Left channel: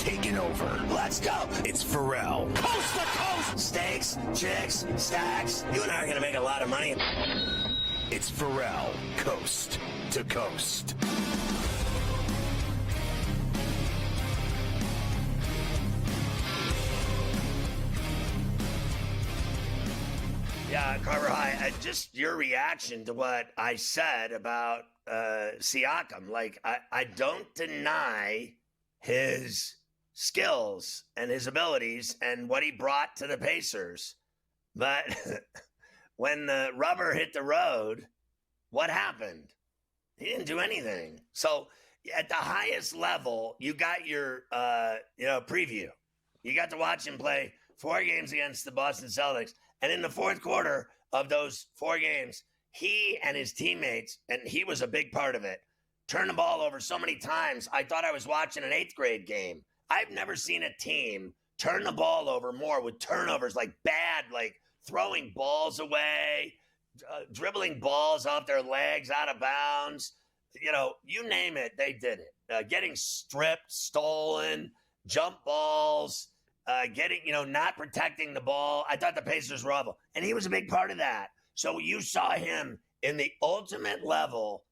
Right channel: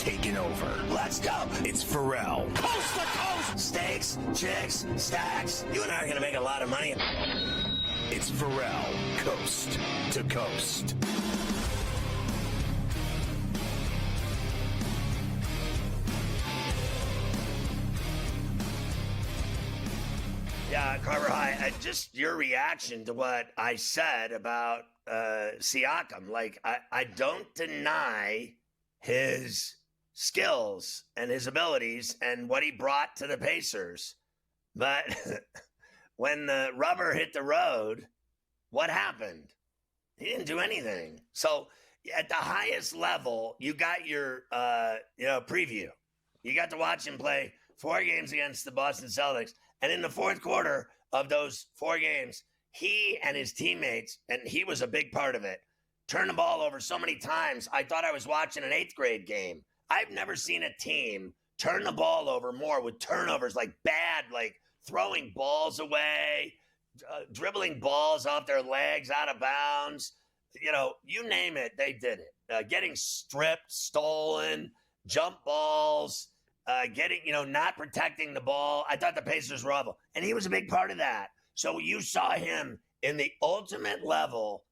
taken over. Let's go. It's Ferrall. Coast to coast. Steaks, chicks, stacks. You and I are going to make a lot of money. It's Ferrall, coast to coast. Yeah, Carver High, just your reaction to what I said about Siakam. Like, I don't deny his skills and his abilities and what he brought to the Pacers. But when the rubber hit the road, what happened? He didn't do anything. So at the highest level, you got your preview. You got to watch him play 4 games against the Boston Celtics. And in the fourth quarter of those 4 games, he and his teammates, and he was a big part of it, turned the ball over so many times, I thought I was watching an 8th grade game. I've never seen a team turn the ball over more with turnovers, like bad, like throwing balls away, dribbling balls off their legs out of bounds. You name it, they did it. Getting stripped, stolen, jump balls, not protecting the ball. I thought the Pacers were awful. And he was a big part of that. So you saw him in the ultimate level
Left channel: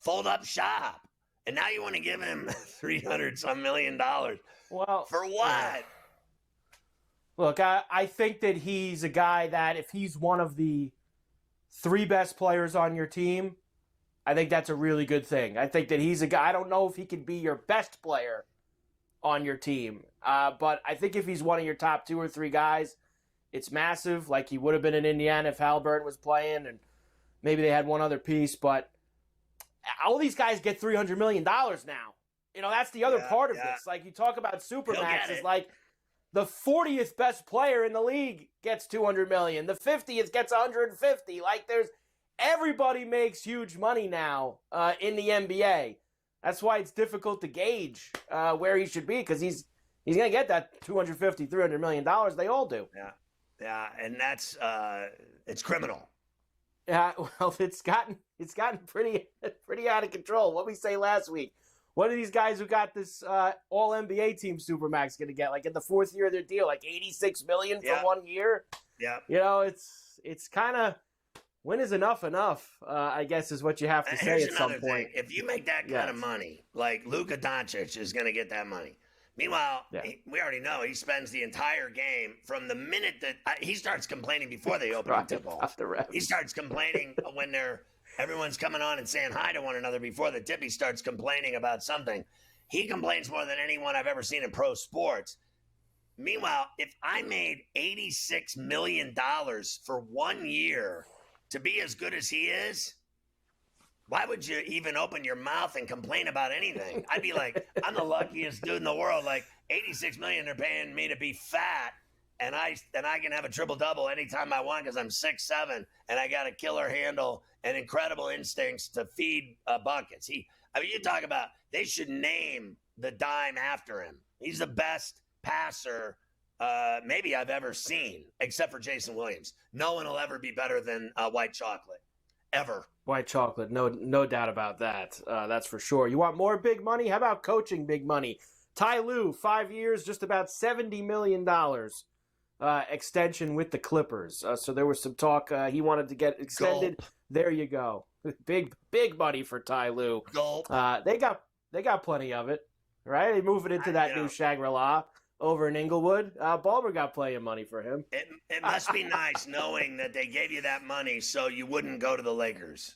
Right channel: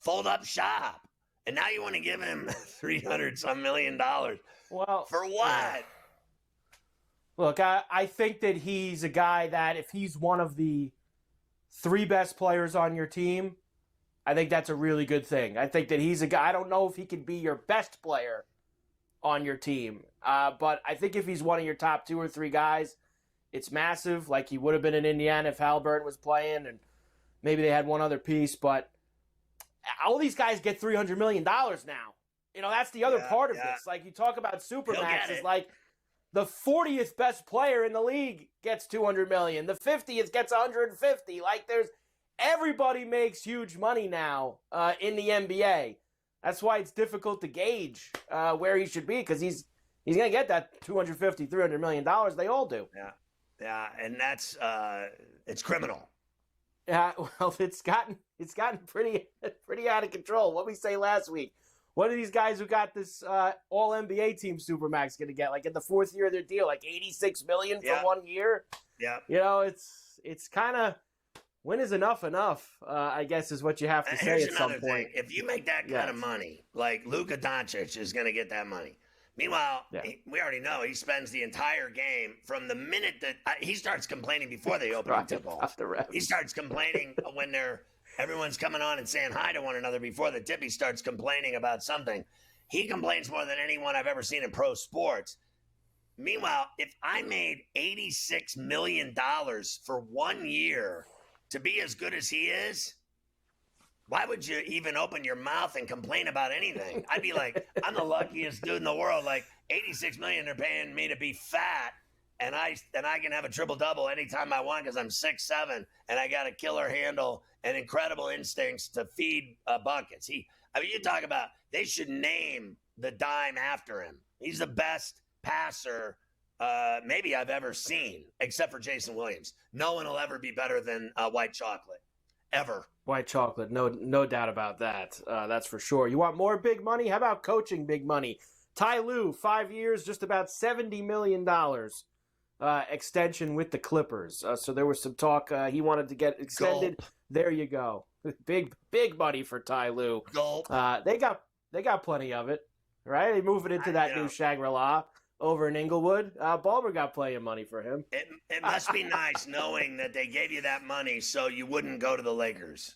fold up shop. And now you want to give him $300-some million. Well, for what? Look, I think that he's a guy that if he's one of the 3 best players on your team, I think that's a really good thing. I think that he's a guy. I don't know if he could be your best player on your team. But I think if he's one of your top 2 or 3 guys, it's massive, like he would have been in Indiana if Halliburton was playing, and maybe they had one other piece. But all these guys get $300 million now. That's the other part of this. Like, you talk about Supermaxes, like the 40th best player in the league gets $200 million. The 50th gets $150. Like, everybody makes huge money now in the NBA. That's why it's difficult to gauge where he should be, because he's going to get that $250, $300 million. They all do. Yeah, and that's it's criminal. Yeah, well, it's gotten pretty out of control. What we say last week. What are these guys who got this All NBA team Supermax going to get? Like in the 4th year of their deal, like $86 million for 1 year. Yeah, it's kind of, when is enough? I guess is what you have to say at some point. Thing. If you make that kind of money, like Luka Doncic is going to get that money. Meanwhile, we already know he spends the entire game from the minute that he starts complaining before they open the tip off. He starts complaining when everyone's coming on and saying hi to one another before the tip. He starts complaining about something. He complains more than anyone I've ever seen in pro sports. Meanwhile, if I made $86 million for 1 year to be as good as he is, why would you even open your mouth and complain about anything? I'd be like, I'm the luckiest dude in the world. Like, $86 million they're paying me to be fat, and I can have a triple-double anytime I want because I'm 6'7", and I got a killer handle and incredible instincts to feed buckets. You talk about, they should name the dime after him. He's the best passer maybe I've ever seen, except for Jason Williams. No one will ever be better than White Chocolate. Ever. White chocolate, no doubt about that. That's for sure. You want more big money? How about coaching big money? Ty Lue, 5 years, just about $70 million extension with the Clippers. So there was some talk he wanted to get extended. Gulp. There you go. Big money for Ty Lue. They got plenty of it, right? They move it into that new Shangri-La over in Inglewood. Ballmer got plenty of money for him. It must be nice knowing that they gave you that money so you wouldn't go to the Lakers.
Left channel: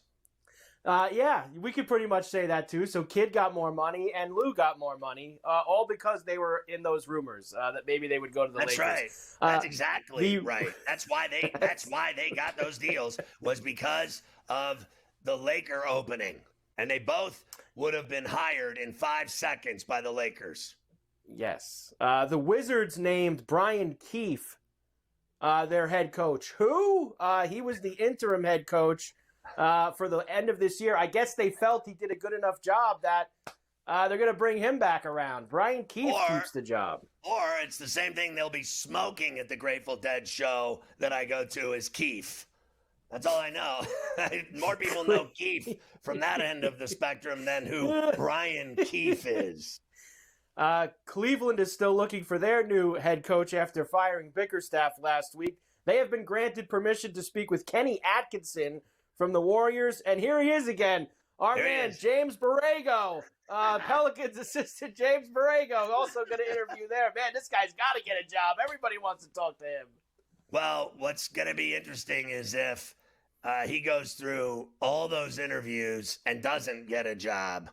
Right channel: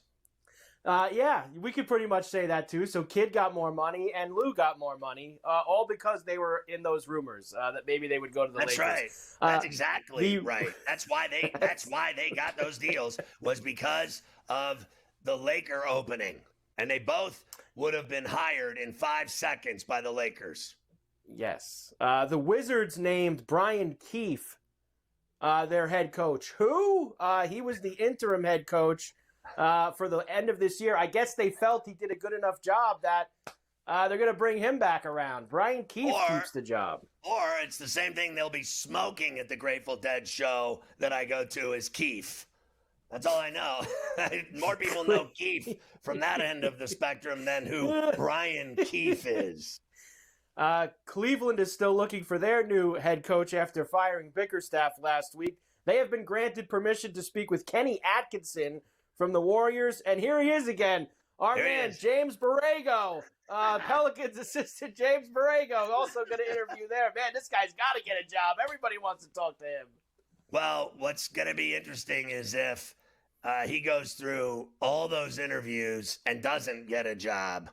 Yeah, we could pretty much say that too. So Kidd got more money and Lou got more money, all because they were in those rumors that maybe they would go to the Lakers. That's right. That's exactly right. That's why they got those deals, was because of the Laker opening. And they both would have been hired in 5 seconds by the Lakers. Yes. The Wizards named Brian Keefe their head coach. Who? He was the interim head coach for the end of this year. I guess they felt he did a good enough job that they're going to bring him back around. Brian Keefe keeps the job. Or it's the same thing they'll be smoking at the Grateful Dead show that I go to is Keefe. That's all I know. More people know Keefe from that end of the spectrum than who Brian Keefe is. Cleveland is still looking for their new head coach after firing Bickerstaff last week. They have been granted permission to speak with Kenny Atkinson from the Warriors, and here he is again. Our man, James Borrego, Pelicans assistant James Borrego, also going to interview there. Man, this guy's got to get a job. Everybody wants to talk to him. Well, what's going to be interesting is if he goes through all those interviews and doesn't get a job.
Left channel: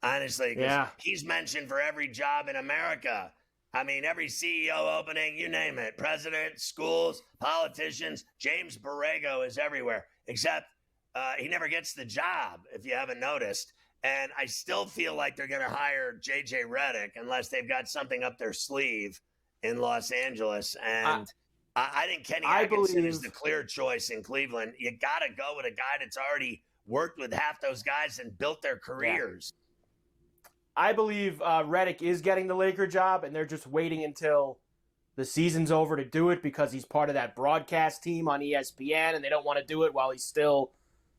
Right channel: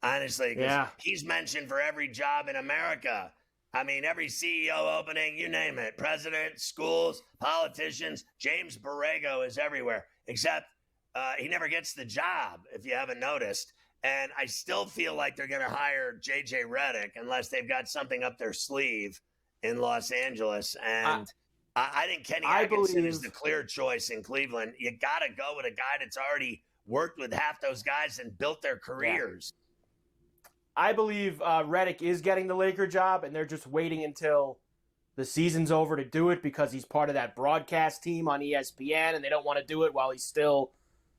Honestly, because he's mentioned for every job in America. I mean, every CEO opening, you name it. President, schools, politicians. James Borrego is everywhere, except he never gets the job, if you haven't noticed. And I still feel like they're going to hire J.J. Redick unless they've got something up their sleeve in Los Angeles. And I think Kenny Atkinson is the clear choice in Cleveland. You got to go with a guy that's already worked with half those guys and built their careers. Yeah. I believe Redick is getting the Laker job, and they're just waiting until the season's over to do it because he's part of that broadcast team on ESPN, and they don't want to do it while he's still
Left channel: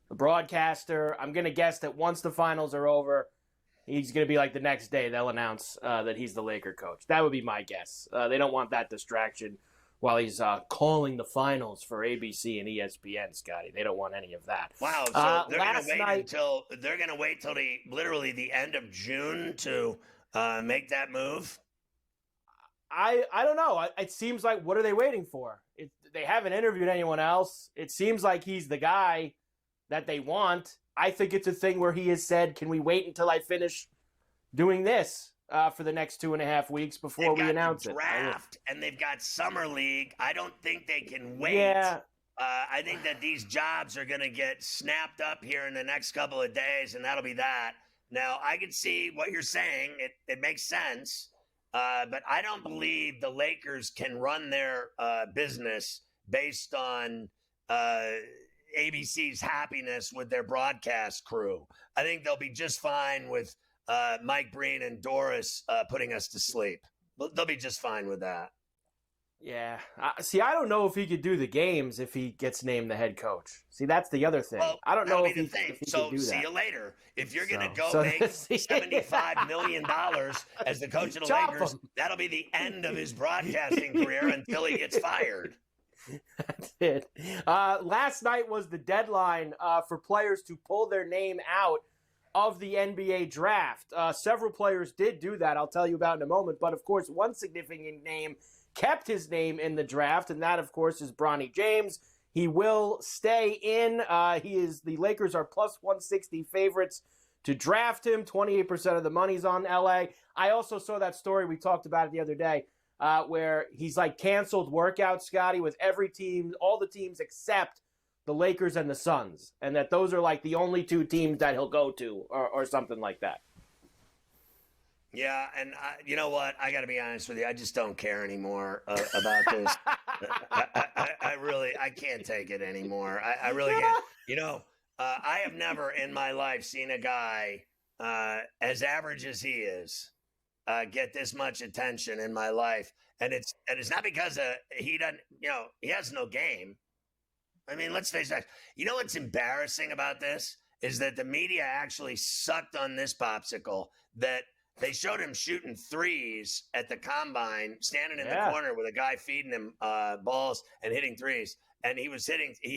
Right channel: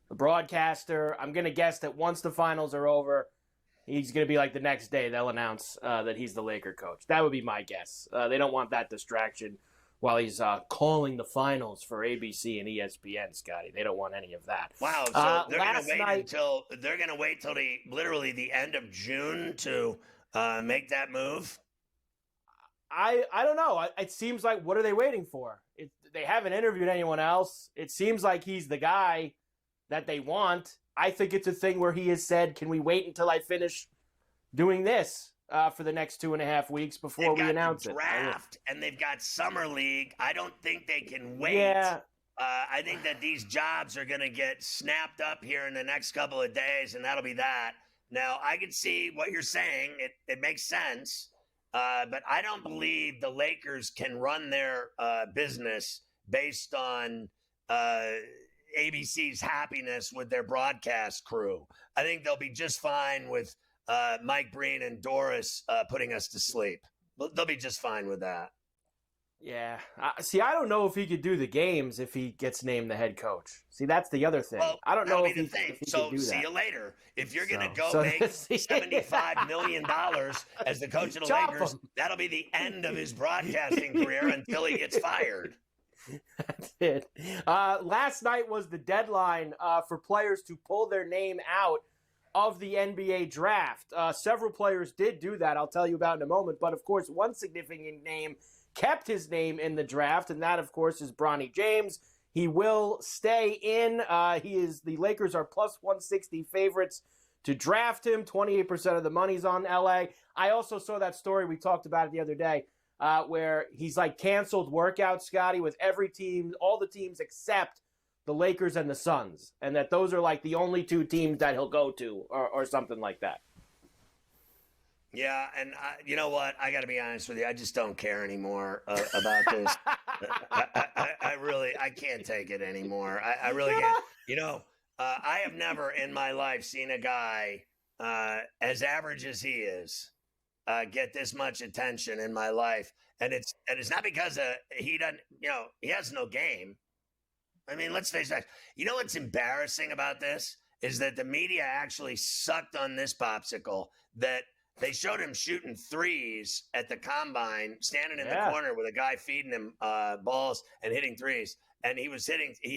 a broadcaster. I'm going to guess that once the finals are over, he's going to be like the next day they'll announce that he's the Laker coach. That would be my guess. They don't want that distraction while he's calling the finals for ABC and ESPN, Scotty. They don't want any of that. Wow, so they're going to wait till literally the end of June to make that move? I don't know. It seems like, what are they waiting for? They haven't interviewed anyone else. It seems like he's the guy that they want. I think it's a thing where he has said, can we wait until I finish doing this for the next 2.5 weeks before we announce it? Draft, and they've got summer league. I don't think they can wait. Yeah. I think that these jobs are going to get snapped up here in the next couple of days, and that'll be that. Now, I can see what you're saying. It makes sense. But I don't believe the Lakers can run their business based on ABC's happiness with their broadcast crew. I think they'll be just fine with Mike Breen and Doris putting us to sleep. They'll be just fine with that. Yeah. See, I don't know if he could do the games if he gets named the head coach. See, that's the other thing. Well, I don't know if he could do that. See you later. If you're going to make $75 million as the coach of the Lakers, that'll be the end of his broadcasting career until he gets fired. That's it. Last night was the deadline for players to pull their name out of the NBA draft. Several players did do that, I'll tell you about in a moment. But, of course, one significant name kept his name in the draft, and that, of course, is Bronny James. He will stay in. The Lakers are plus 160 favorites to draft him. 28% of the money's on LA. I also saw that story, we talked about it the other day, where he's like canceled workouts, Scotty, with every team, all the teams except the Lakers and the Suns, and that those are like the only two teams that he'll go to or something like that. Yeah, and you know what? I got to be honest with you. I just don't care anymore about this. I can't take it anymore. I really can't. You know, I have never in my life seen a guy as average as he is get this much attention in my life, and it's not because he doesn't. You know, he has no game. I mean, let's face it. You know what's embarrassing about this is that the media actually sucked on this popsicle that. They showed him shooting threes at the combine, standing in the corner with a guy feeding him balls and hitting threes. And he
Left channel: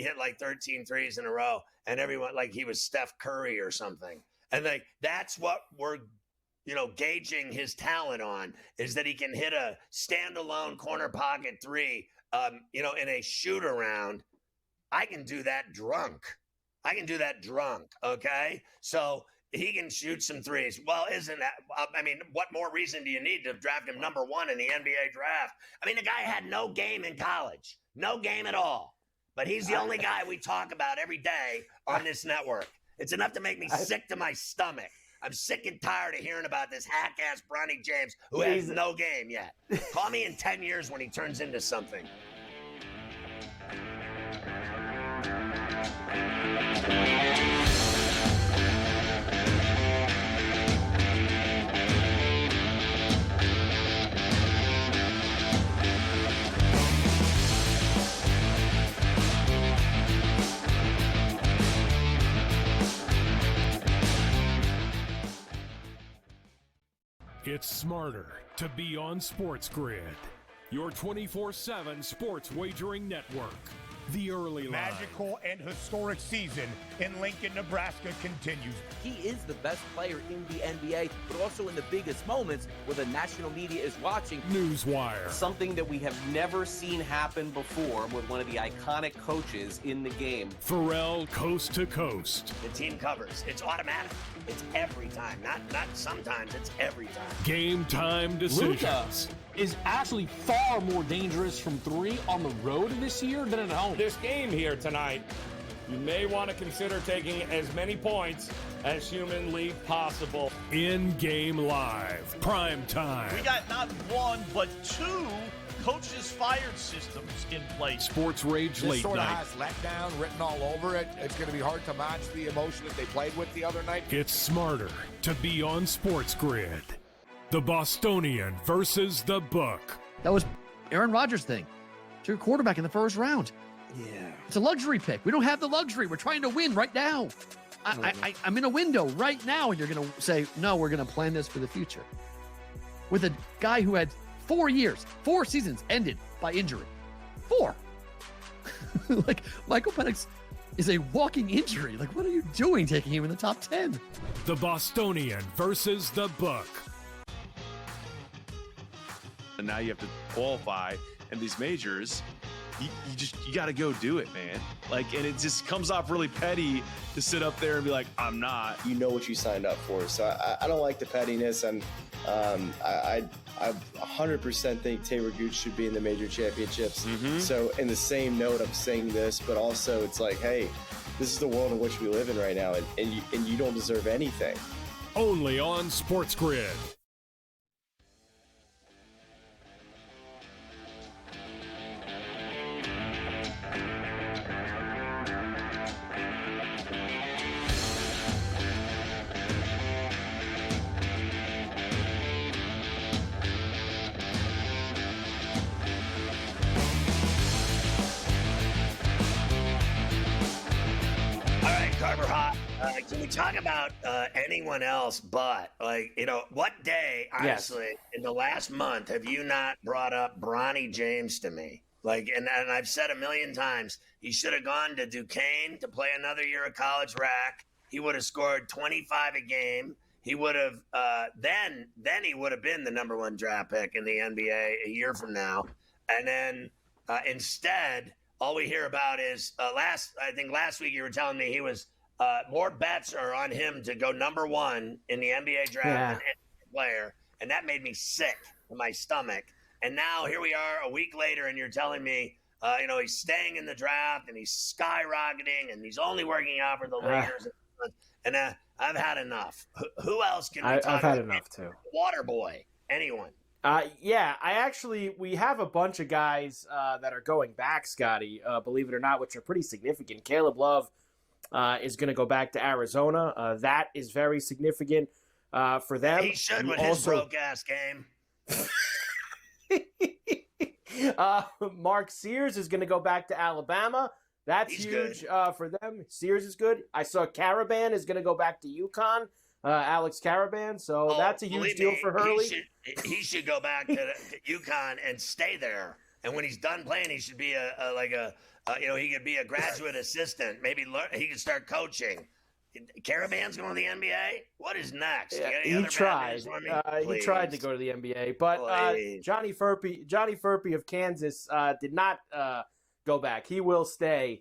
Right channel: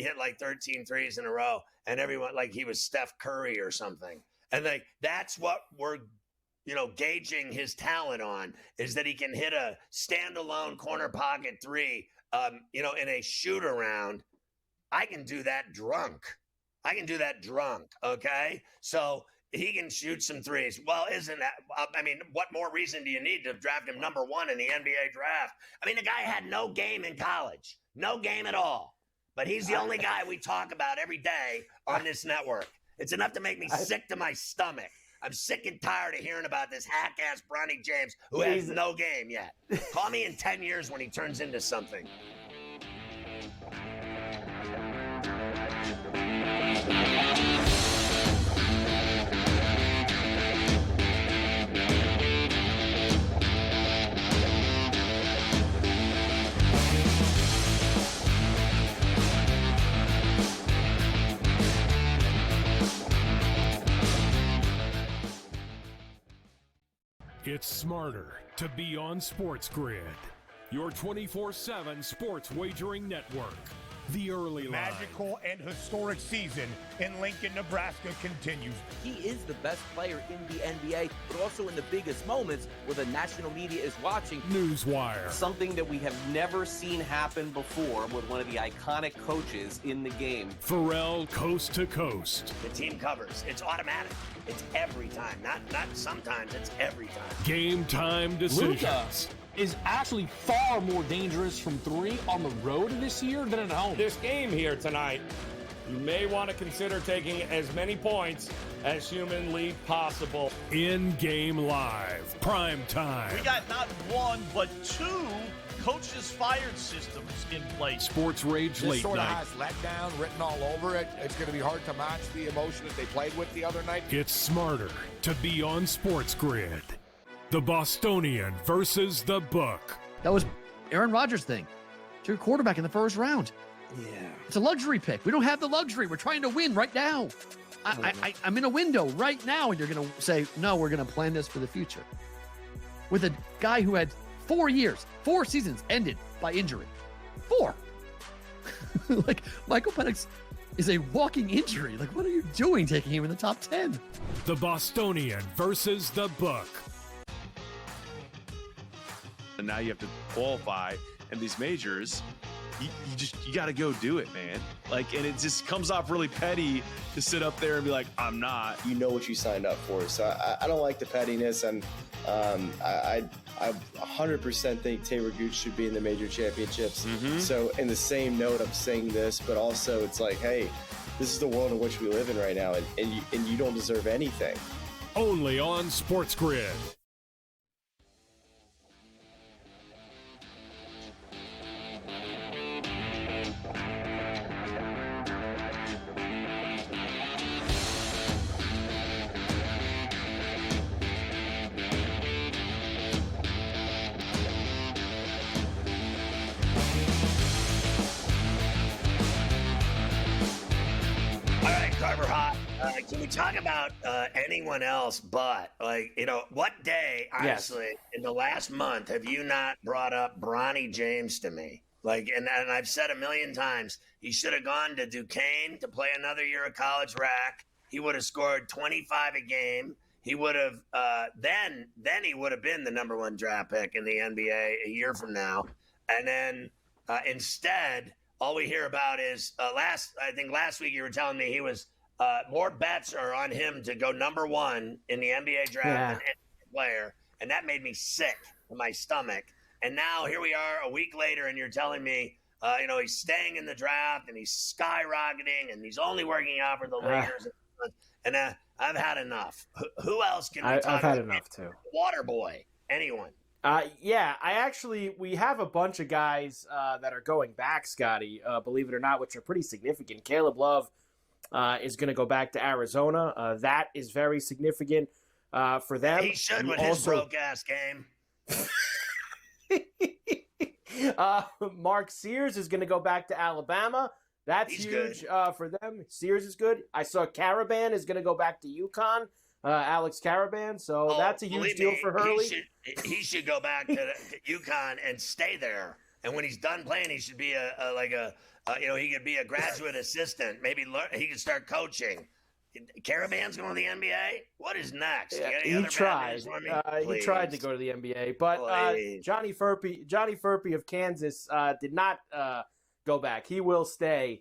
hit like 13 threes in a row. And everyone, like he was Steph Curry or something. And that's what we're, gauging his talent on, is that he can hit a standalone corner pocket three, in a shoot around. I can do that drunk. Okay? So he can shoot some threes. Well, isn't that – I mean, what more reason do you need to draft him number one in the NBA draft? I mean, the guy had no game in college. No game at all. But he's the only guy we talk about every day on this network. It's enough to make me sick to my stomach. I'm sick and tired of hearing about this hack-ass Bronny James who has no game yet. Call me in 10 years when he turns into something. It's smarter to be on SportsGrid, your 24/7 sports wagering network. The early line. Magical and historic season in Lincoln, Nebraska continues. He is the best player in the NBA, but also in the biggest moments where the national media is watching. Newswire. Something that we have never seen happen before with one of the iconic coaches in the game. Ferrall coast to coast. The team covers. It's automatic. It's every time. Not sometimes. It's every time. Game time decisions. Luka is actually far more dangerous from three on the road this year than at home. This game here tonight, you may want to consider taking as many points as humanly possible. In-game live. Prime time. We got not one, but two coaches fired systems in place. Sports Rage This late sort of night. has letdown written all over it. It's going to be hard to match the emotion that they played with the other night. It's smarter to be on SportsGrid. The Bostonian versus the Book. That was Aaron Rodgers' thing. It's your quarterback in the first round. Yeah. It's a luxury pick. We don't have the luxury. We're trying to win right now. I'm in a window right now, and you're going to say, no, we're going to plan this for the future. With a guy who had 4 years, 4 seasons ended by injury. 4. Like, Michael Penix is a walking injury. Like, what are you doing taking him in the top 10? The Bostonian versus the Book. And now you have to qualify in these majors. You got to go do it, man. Like, and it just comes off really petty to sit up there and be like, I'm not. You know what you signed up for. So I don't like the pettiness. And I 100% think Taylor Gooch should be in the major championships. Mm-hmm. So in the same note, I'm saying this, but also it's like, hey, this is the world in which we live in right now, and you don't deserve anything. Only on SportsGrid. Can we talk about anyone else but, like, you know, what day, honestly, in the last month have you not brought up Bronny James to me? Like, and I've said a million times, he should have gone to Duquesne to play another year of college rack. He would have scored 25 a game. He would have then he would have been the number 1 draft pick in the NBA a year from now. And then instead, all we hear about is last week you were telling me he was more bets are on him to go number 1 in the NBA draft than any player, and that made me sick to my stomach. And now here we are a week later, and you're telling me, he's staying in the draft and he's skyrocketing and he's only working out for the Lakers. And I've had enough. Who else can we talk about? I've had enough too. Waterboy, anyone? We have a bunch of guys that are going back, Scotty, believe it or not, which are pretty significant. Caleb Love is going to go back to Arizona. That is very significant for them. He should with his broke-ass game. Mark Sears is going to go back to Alabama. That's huge for them. Sears is good. I saw Caravan is going to go back to UConn. Alex Caravan. So that's a huge deal for Hurley. He should go back to UConn and stay there. And when he's done playing, he should be he could be a graduate assistant. Maybe he could start coaching. Caravan's going to the NBA? What is next? He tried. He tried to go to the NBA, but Johnny Furphy of Kansas did not go back. He will stay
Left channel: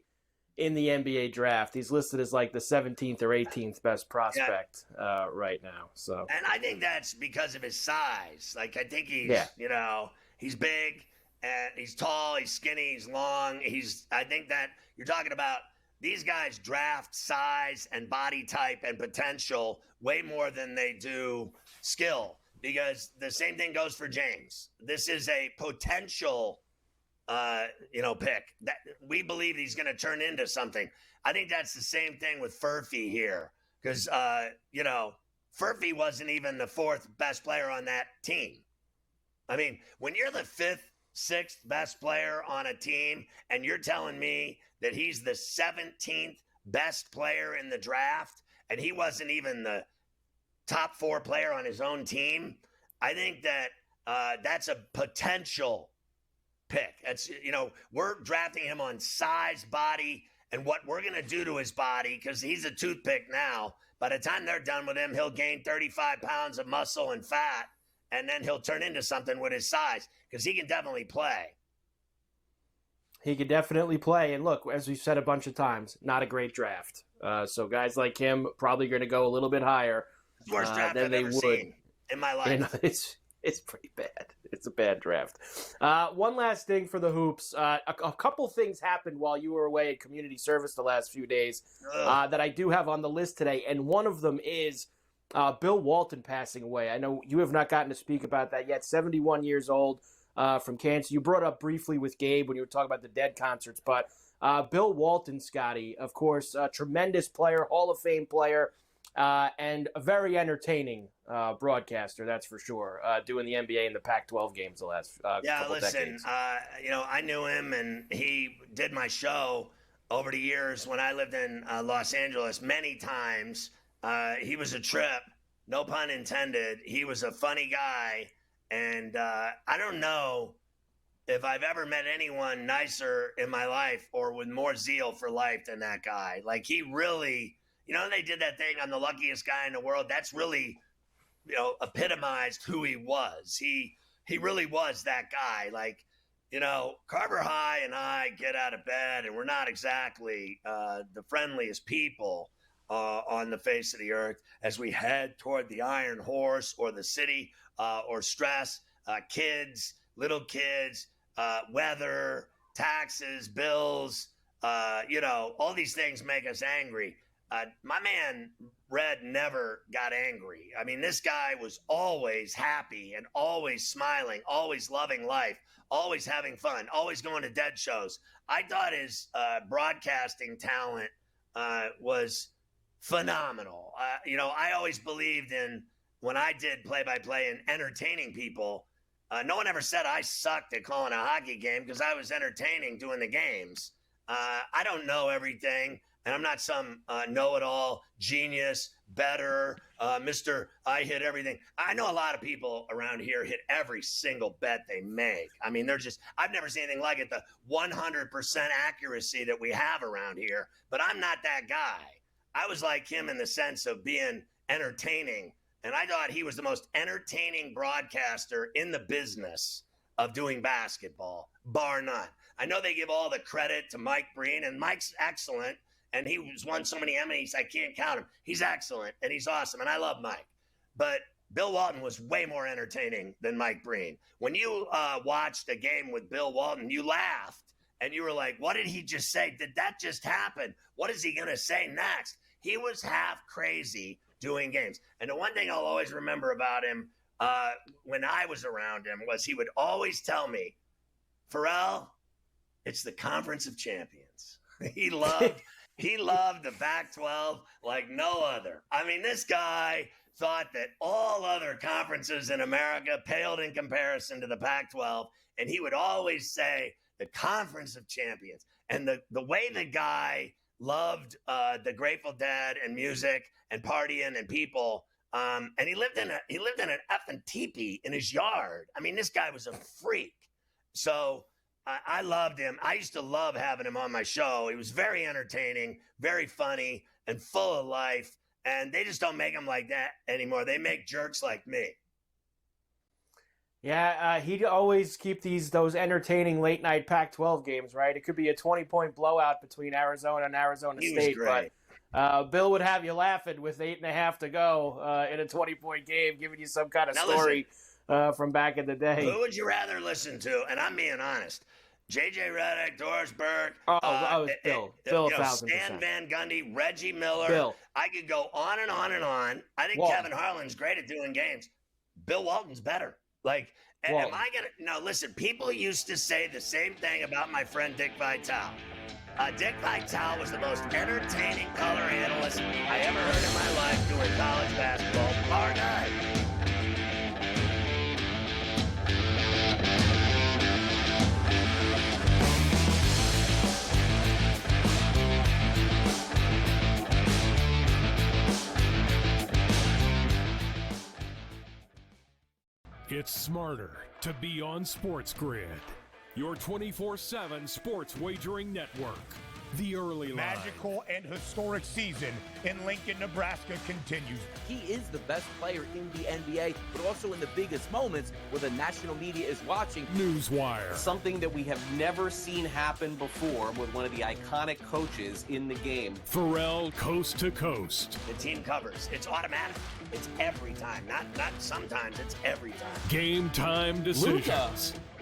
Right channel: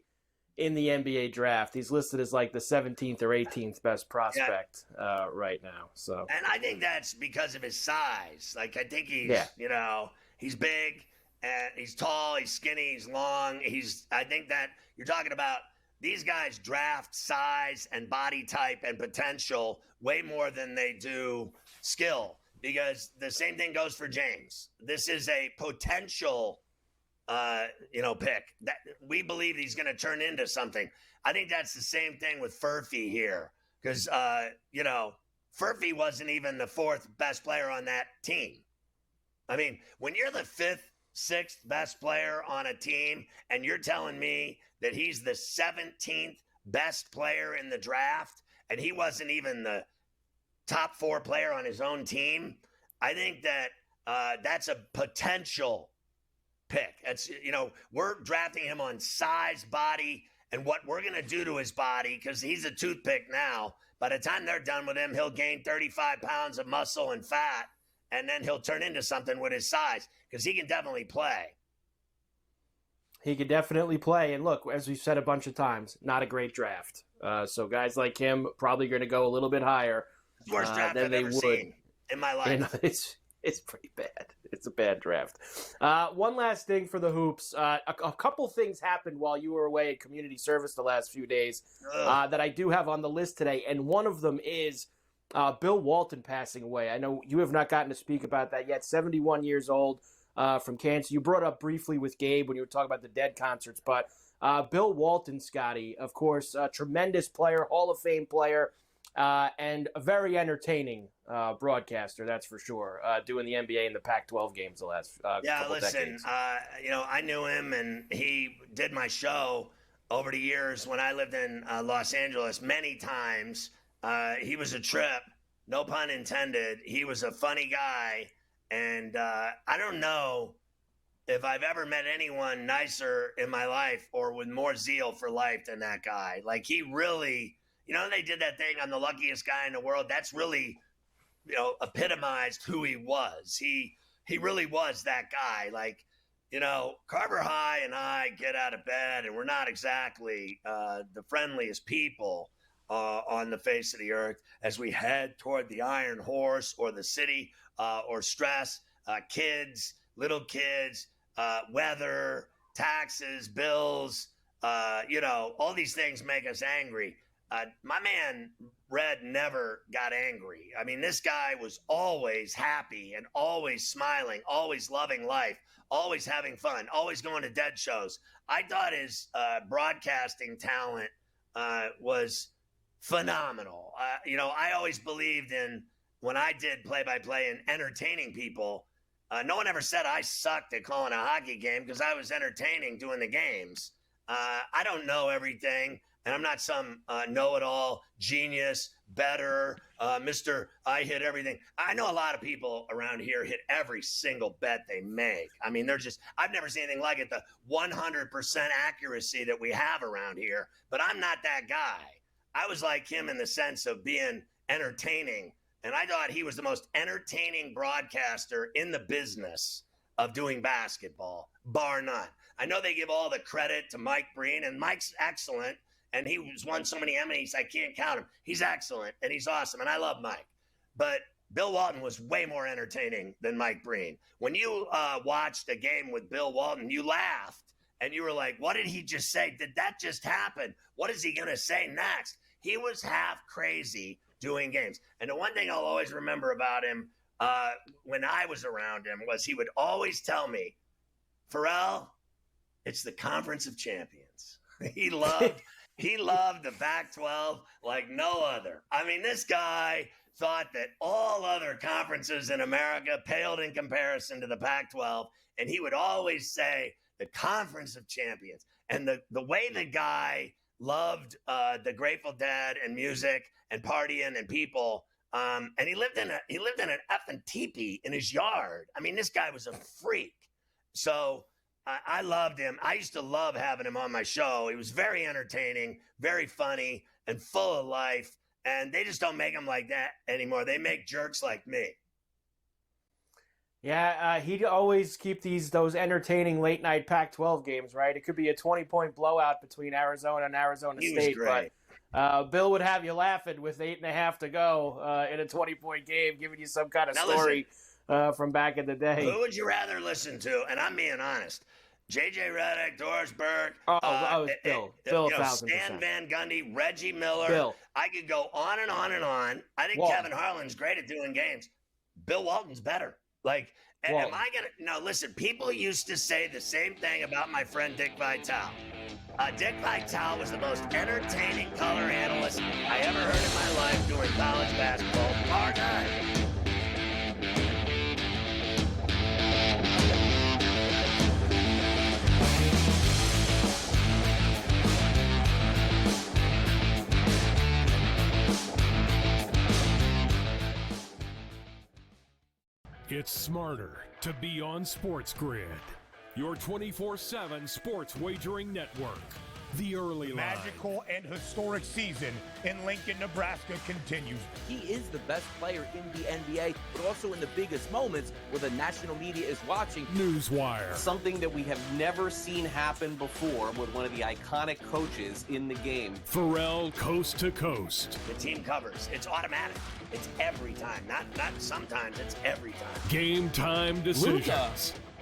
in the NBA draft. He's listed as like the 17th or 18th best prospect right now. So, and I think that's because of his size. Like, I think he's big and he's tall, he's skinny, he's long. I think that you're talking about these guys draft size and body type and potential way more than they do skill, because the same thing goes for James. This is a potential pick that we believe he's going to turn into something. I think that's the same thing with Furphy here, because Furphy wasn't even the 4th best player on that team. I mean, when you're the 5th, 6th best player on a team and you're telling me that he's the 17th best player in the draft and he wasn't even the top 4 player on his own team, I think that that's a potential pick. That's, we're drafting him on size, body, and what we're going to do to his body, because he's a toothpick now. By the time they're done with him, he'll gain 35 pounds of muscle and fat, and then he'll turn into something with his size, because he can definitely play. He could definitely play. And look, as we said a bunch of times, not a great draft. So guys like him probably going to go a little bit higher Worst draft than I've they ever would seen in my life. And it's pretty bad. It's a bad draft. One last thing for the hoops. A couple things happened while you were away at community service the last few days that I do have on the list today. And one of them is Bill Walton passing away. I know you have not gotten to speak about that yet. 71 years old from cancer. You brought up briefly with Gabe when you were talking about the Dead concerts. But Bill Walton, Scotty, of course, a tremendous player, Hall of Fame player, and a very entertaining broadcaster, that's for sure, doing the NBA and the Pac-12 games the last couple decades. I knew him, and he did my show over the years when I lived in Los Angeles many times. He was a trip, no pun intended. He was a funny guy, and I don't know if I've ever met anyone nicer in my life or with more zeal for life than that guy. Like, he really... they did that thing on the luckiest guy in the world. That's really, epitomized who he was. He really was that guy. Like, Carver High and I get out of bed, and we're not exactly the friendliest people on the face of the earth as we head toward the Iron Horse or the city or stress, kids, little kids, weather, taxes, bills, all these things make us angry. My man, Red, never got angry. I mean, this guy was always happy and always smiling, always loving life, always having fun, always going to Dead shows. I thought his broadcasting talent was phenomenal. I always believed in, when I did play-by-play and entertaining people, no one ever said I sucked at calling a hockey game because I was entertaining doing the games. I don't know everything. And I'm not some know-it-all, genius, better, Mr. I hit everything. I know a lot of people around here hit every single bet they make. I mean, I've never seen anything like it, the 100% accuracy that we have around here. But I'm not that guy. I was like him in the sense of being entertaining. And I thought he was the most entertaining broadcaster in the business of doing basketball, bar none. I know they give all the credit to Mike Breen, and Mike's excellent. And he's won so many Emmys, I can't count him. He's excellent, and he's awesome, and I love Mike. But Bill Walton was way more entertaining than Mike Breen. When you watched a game with Bill Walton, you laughed, and you were like, what did he just say? Did that just happen? What is he going to say next? He was half crazy doing games. And the one thing I'll always remember about him when I was around him was he would always tell me, Ferrall, it's the Conference of Champions. He loved the Pac-12 like no other. I mean, this guy thought that all other conferences in America paled in comparison to the Pac-12, and he would always say the Conference of Champions. And the way the guy loved the Grateful Dead and music and partying and people, and he lived in an effing teepee in his yard. I mean, this guy was a freak. So I loved him. I used to love having him on my show. He was very entertaining, very funny, and full of life. And they just don't make him like that anymore. They make jerks like me. Yeah, he'd always keep those entertaining late-night Pac-12 games, right? It could be a 20-point blowout between Arizona and Arizona State. But Bill would have you laughing with 8.5 to go in a 20-point game, giving you some kind of story from back in the day. Who would you rather listen to? And I'm being honest. J.J. Redick, Doris Burke, Bill, 1,000%. Stan Van Gundy, Reggie Miller. Bill. I could go on and on and on. I think Walton. Kevin Harlan's great at doing games. Bill Walton's better. Like, Walton. am I going to – no, listen, people used to say the same thing about my friend Dick Vitale. Dick Vitale was the most entertaining color analyst I ever heard in my life doing college basketball. Bar guy. It's smarter to be on SportsGrid, your 24/7 sports wagering network. The early line. Magical and historic season in Lincoln, Nebraska continues. He is the best player in the NBA, but also in the biggest moments where the national media is watching. Newswire. Something that we have never seen happen before with one of the iconic coaches in the game. Ferrall coast to coast. The team covers. It's automatic. It's every time. Not sometimes. It's every time. Game time decisions. Luka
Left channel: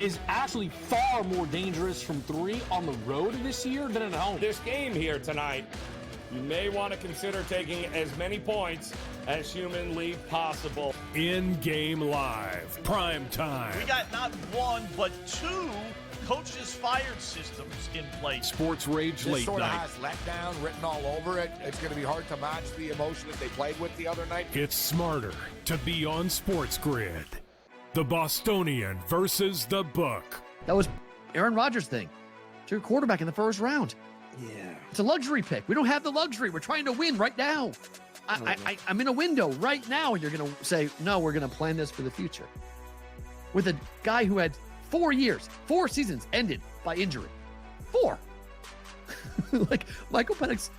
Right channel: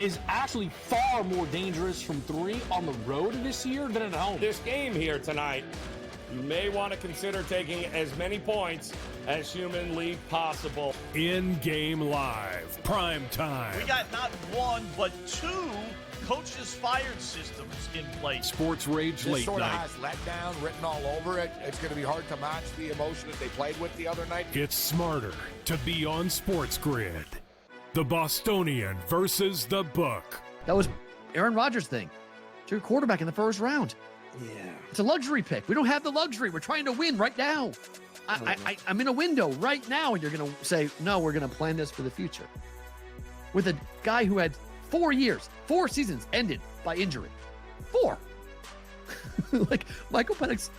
is actually far more dangerous from three on the road this year than at home. This game here tonight, you may want to consider taking as many points as humanly possible. In-game live. Prime time. We got not one, but two coaches fired systems in place. Sports Rage This Late sort of Night. has letdown written all over it. It's going to be hard to match the emotion that they played with the other night. It's smarter to be on SportsGrid. The Bostonian versus the Book. That was Aaron Rodgers' thing. It's your quarterback in the first round. Yeah. It's a luxury pick. We don't have the luxury. We're trying to win right now. I'm in a window right now, and you're going to say, no, we're going to plan this for the future. With a guy who had 4 years, 4 seasons ended by injury. 4. Like, Michael Penix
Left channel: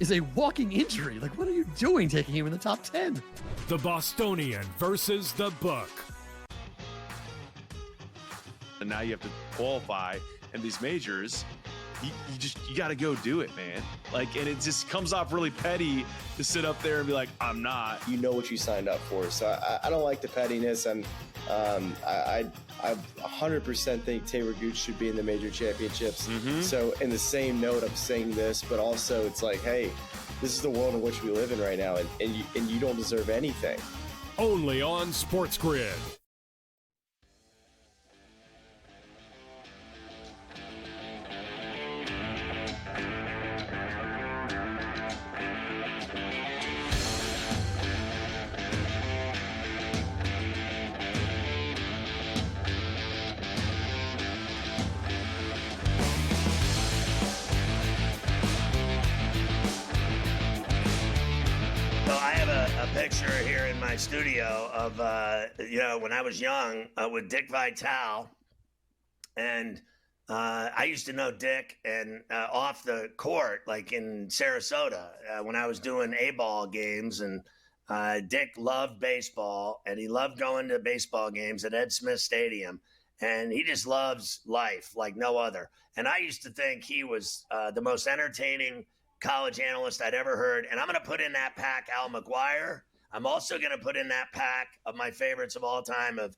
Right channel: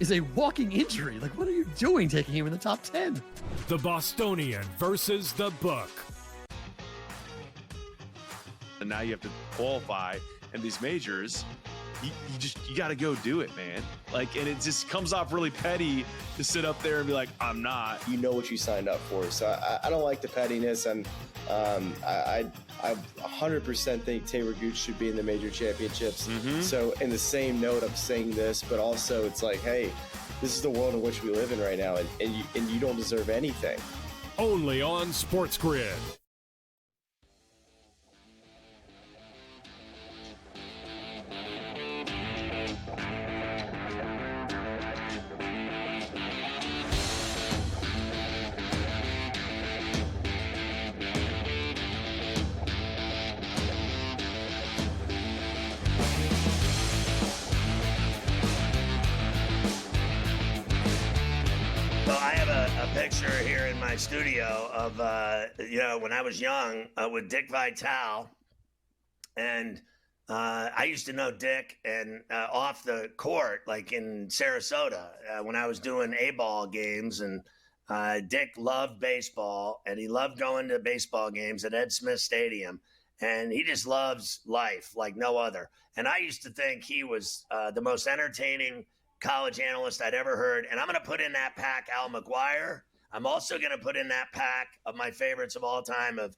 is a walking injury. Like, what are you doing taking him in the top 10? The Bostonian versus the Book. And now you have to qualify, and these majors, you got to go do it, man. Like, and it just comes off really petty to sit up there and be like, I'm not. You know what you signed up for. So I don't like the pettiness. I 100% think Taylor Gooch should be in the major championships. Mm-hmm. So in the same note, I'm saying this, but also it's like, hey, this is the world in which we live in right now, and you don't deserve anything. Only on SportsGrid. So I have a picture here in my studio of, when I was young with Dick Vitale. And I used to know Dick and off the court, like in Sarasota, when I was doing A-ball games. And Dick loved baseball, and he loved going to baseball games at Ed Smith Stadium. And he just loves life like no other. And I used to think he was the most entertaining college analyst I'd ever heard. And I'm going to put in that pack Al McGuire. I'm also going to put in that pack of my favorites of all time of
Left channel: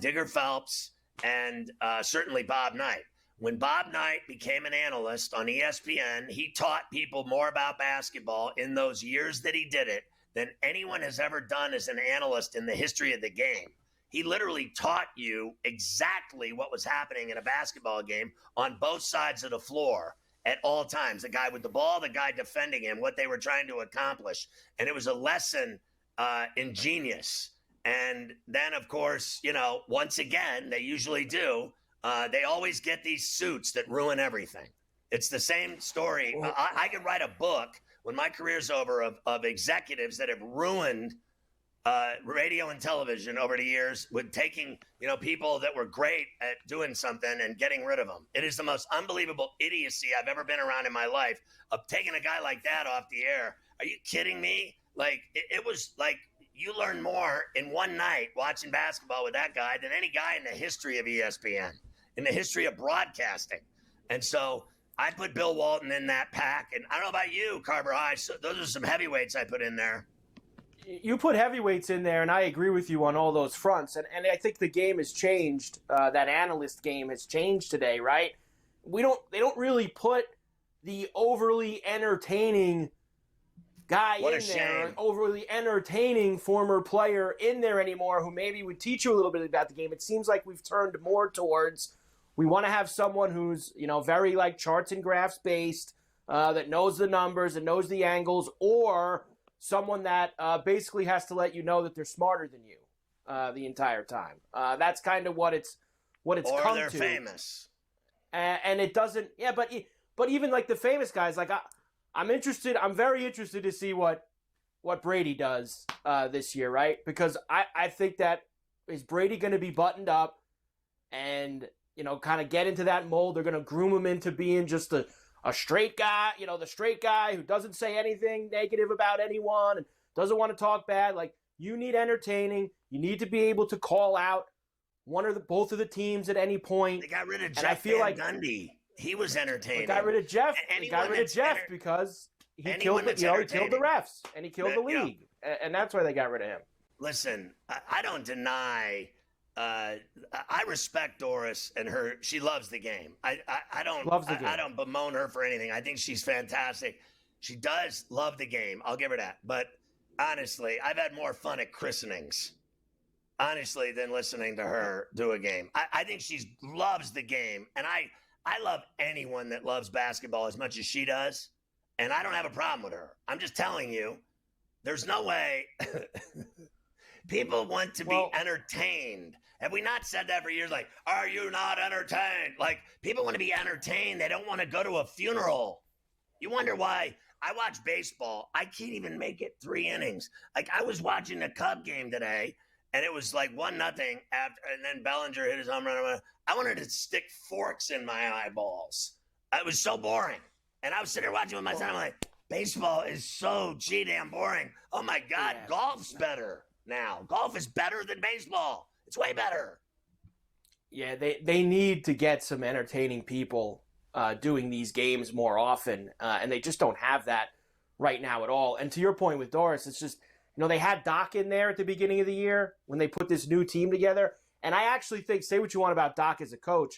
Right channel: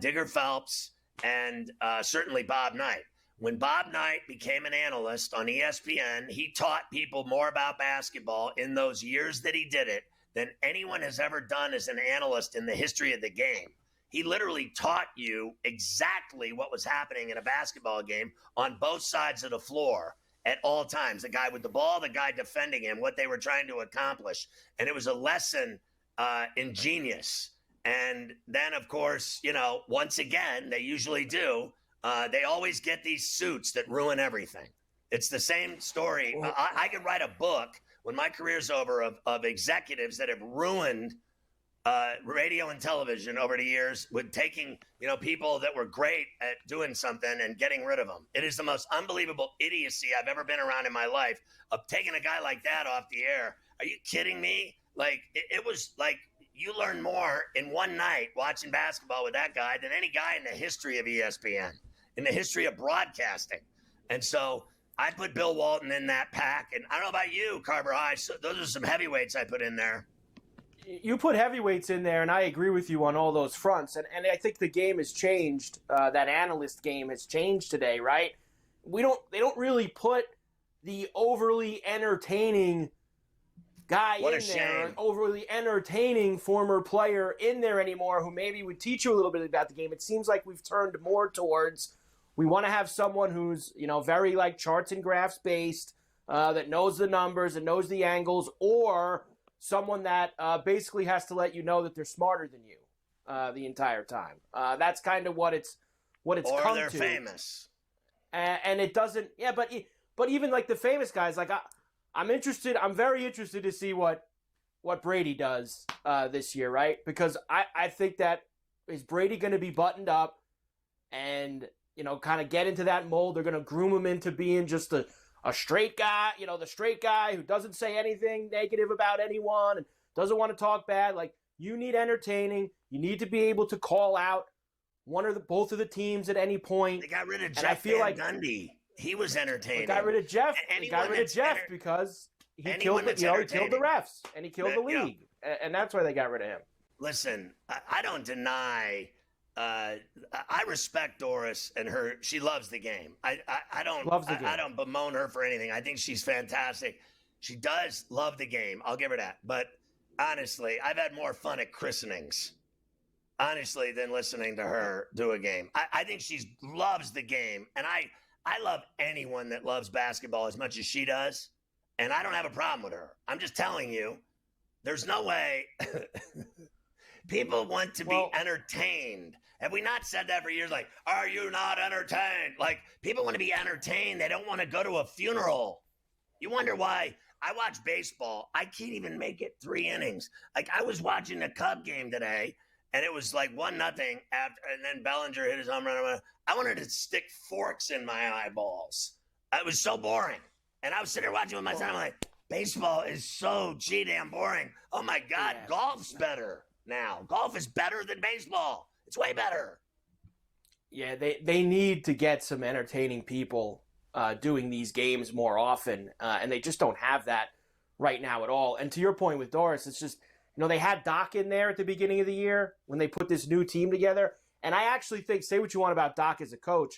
Digger Phelps and certainly Bob Knight. When Bob Knight became an analyst on ESPN, he taught people more about basketball in those years that he did it than anyone has ever done as an analyst in the history of the game. He literally taught you exactly what was happening in a basketball game on both sides of the floor at all times. The guy with the ball, the guy defending him, what they were trying to accomplish. And it was a lesson in genius. And then, of course, once again, they usually do. They always get these suits that ruin everything. It's the same story. I could write a book when my career's over of executives that have ruined radio and television over the years with taking, people that were great at doing something and getting rid of them. It is the most unbelievable idiocy I've ever been around in my life of taking a guy like that off the air. Are you kidding me? Like, it was like you learn more in one night watching basketball with that guy than any guy in the history of ESPN, in the history of broadcasting. And so I put Bill Walton in that pack. And I don't know about you, Carver High. So those are some heavyweights I put in there. You put heavyweights in there, and I agree with you on all those fronts. And I think the game has changed. That analyst game has changed today, right? They don't really put the overly entertaining guy in there, an overly entertaining former player in there anymore who maybe would teach you a little bit about the game. It seems like we've turned more towards we want to have someone who's, very like charts and graphs based, that knows the numbers and knows the angles, or someone that basically has to let you know that they're smarter than you the entire time. That's kind of what it's come to. Or they're famous. And it doesn't, but even like the famous guys, like I'm very interested to see what Brady does this year, right? Because I think that Is Brady going to be buttoned up and, kind of get into that mold? They're going to groom him into being just a straight guy, the straight guy who doesn't say anything negative about anyone and doesn't want to talk bad. Like, you need entertaining. You need to be able to call out both of the teams at any point. They got rid of Jeff Van Gundy. He was entertaining. They got rid of Jeff. Because he killed the refs and he killed the league. And that's why they got rid of him. Listen, I don't deny. I respect Doris and her. She loves the game. I don't bemoan her for anything. I think she's fantastic. She does love the game. I'll give her that. But honestly, I've had more fun at christenings, than listening to her do a game. I think she loves the game, and I love anyone that loves basketball as much as she does, and I don't have a problem with her. I'm just telling you, there's no way people want to be entertained. Have we not said that for years? Like, are you not entertained? Like, people want to be entertained. They don't want to go to a funeral. You wonder why. I watch baseball. I can't even make it 3 innings. Like, I was watching the Cub game today, and it was like 1-0 after, and then Bellinger hit his home run. I wanted to stick forks in my eyeballs. It was so boring. And I was sitting there watching with my son. I'm like, baseball is so damn boring. Oh, my God, golf's better now. Golf is better than baseball. It's way better. Yeah, they need to get some entertaining people doing these games more often, and they just don't have that right now at all. And to your point with Doris, it's just, they had Doc in there at the beginning of the year when they put this new team together, and I actually think, say what you want about Doc as a coach,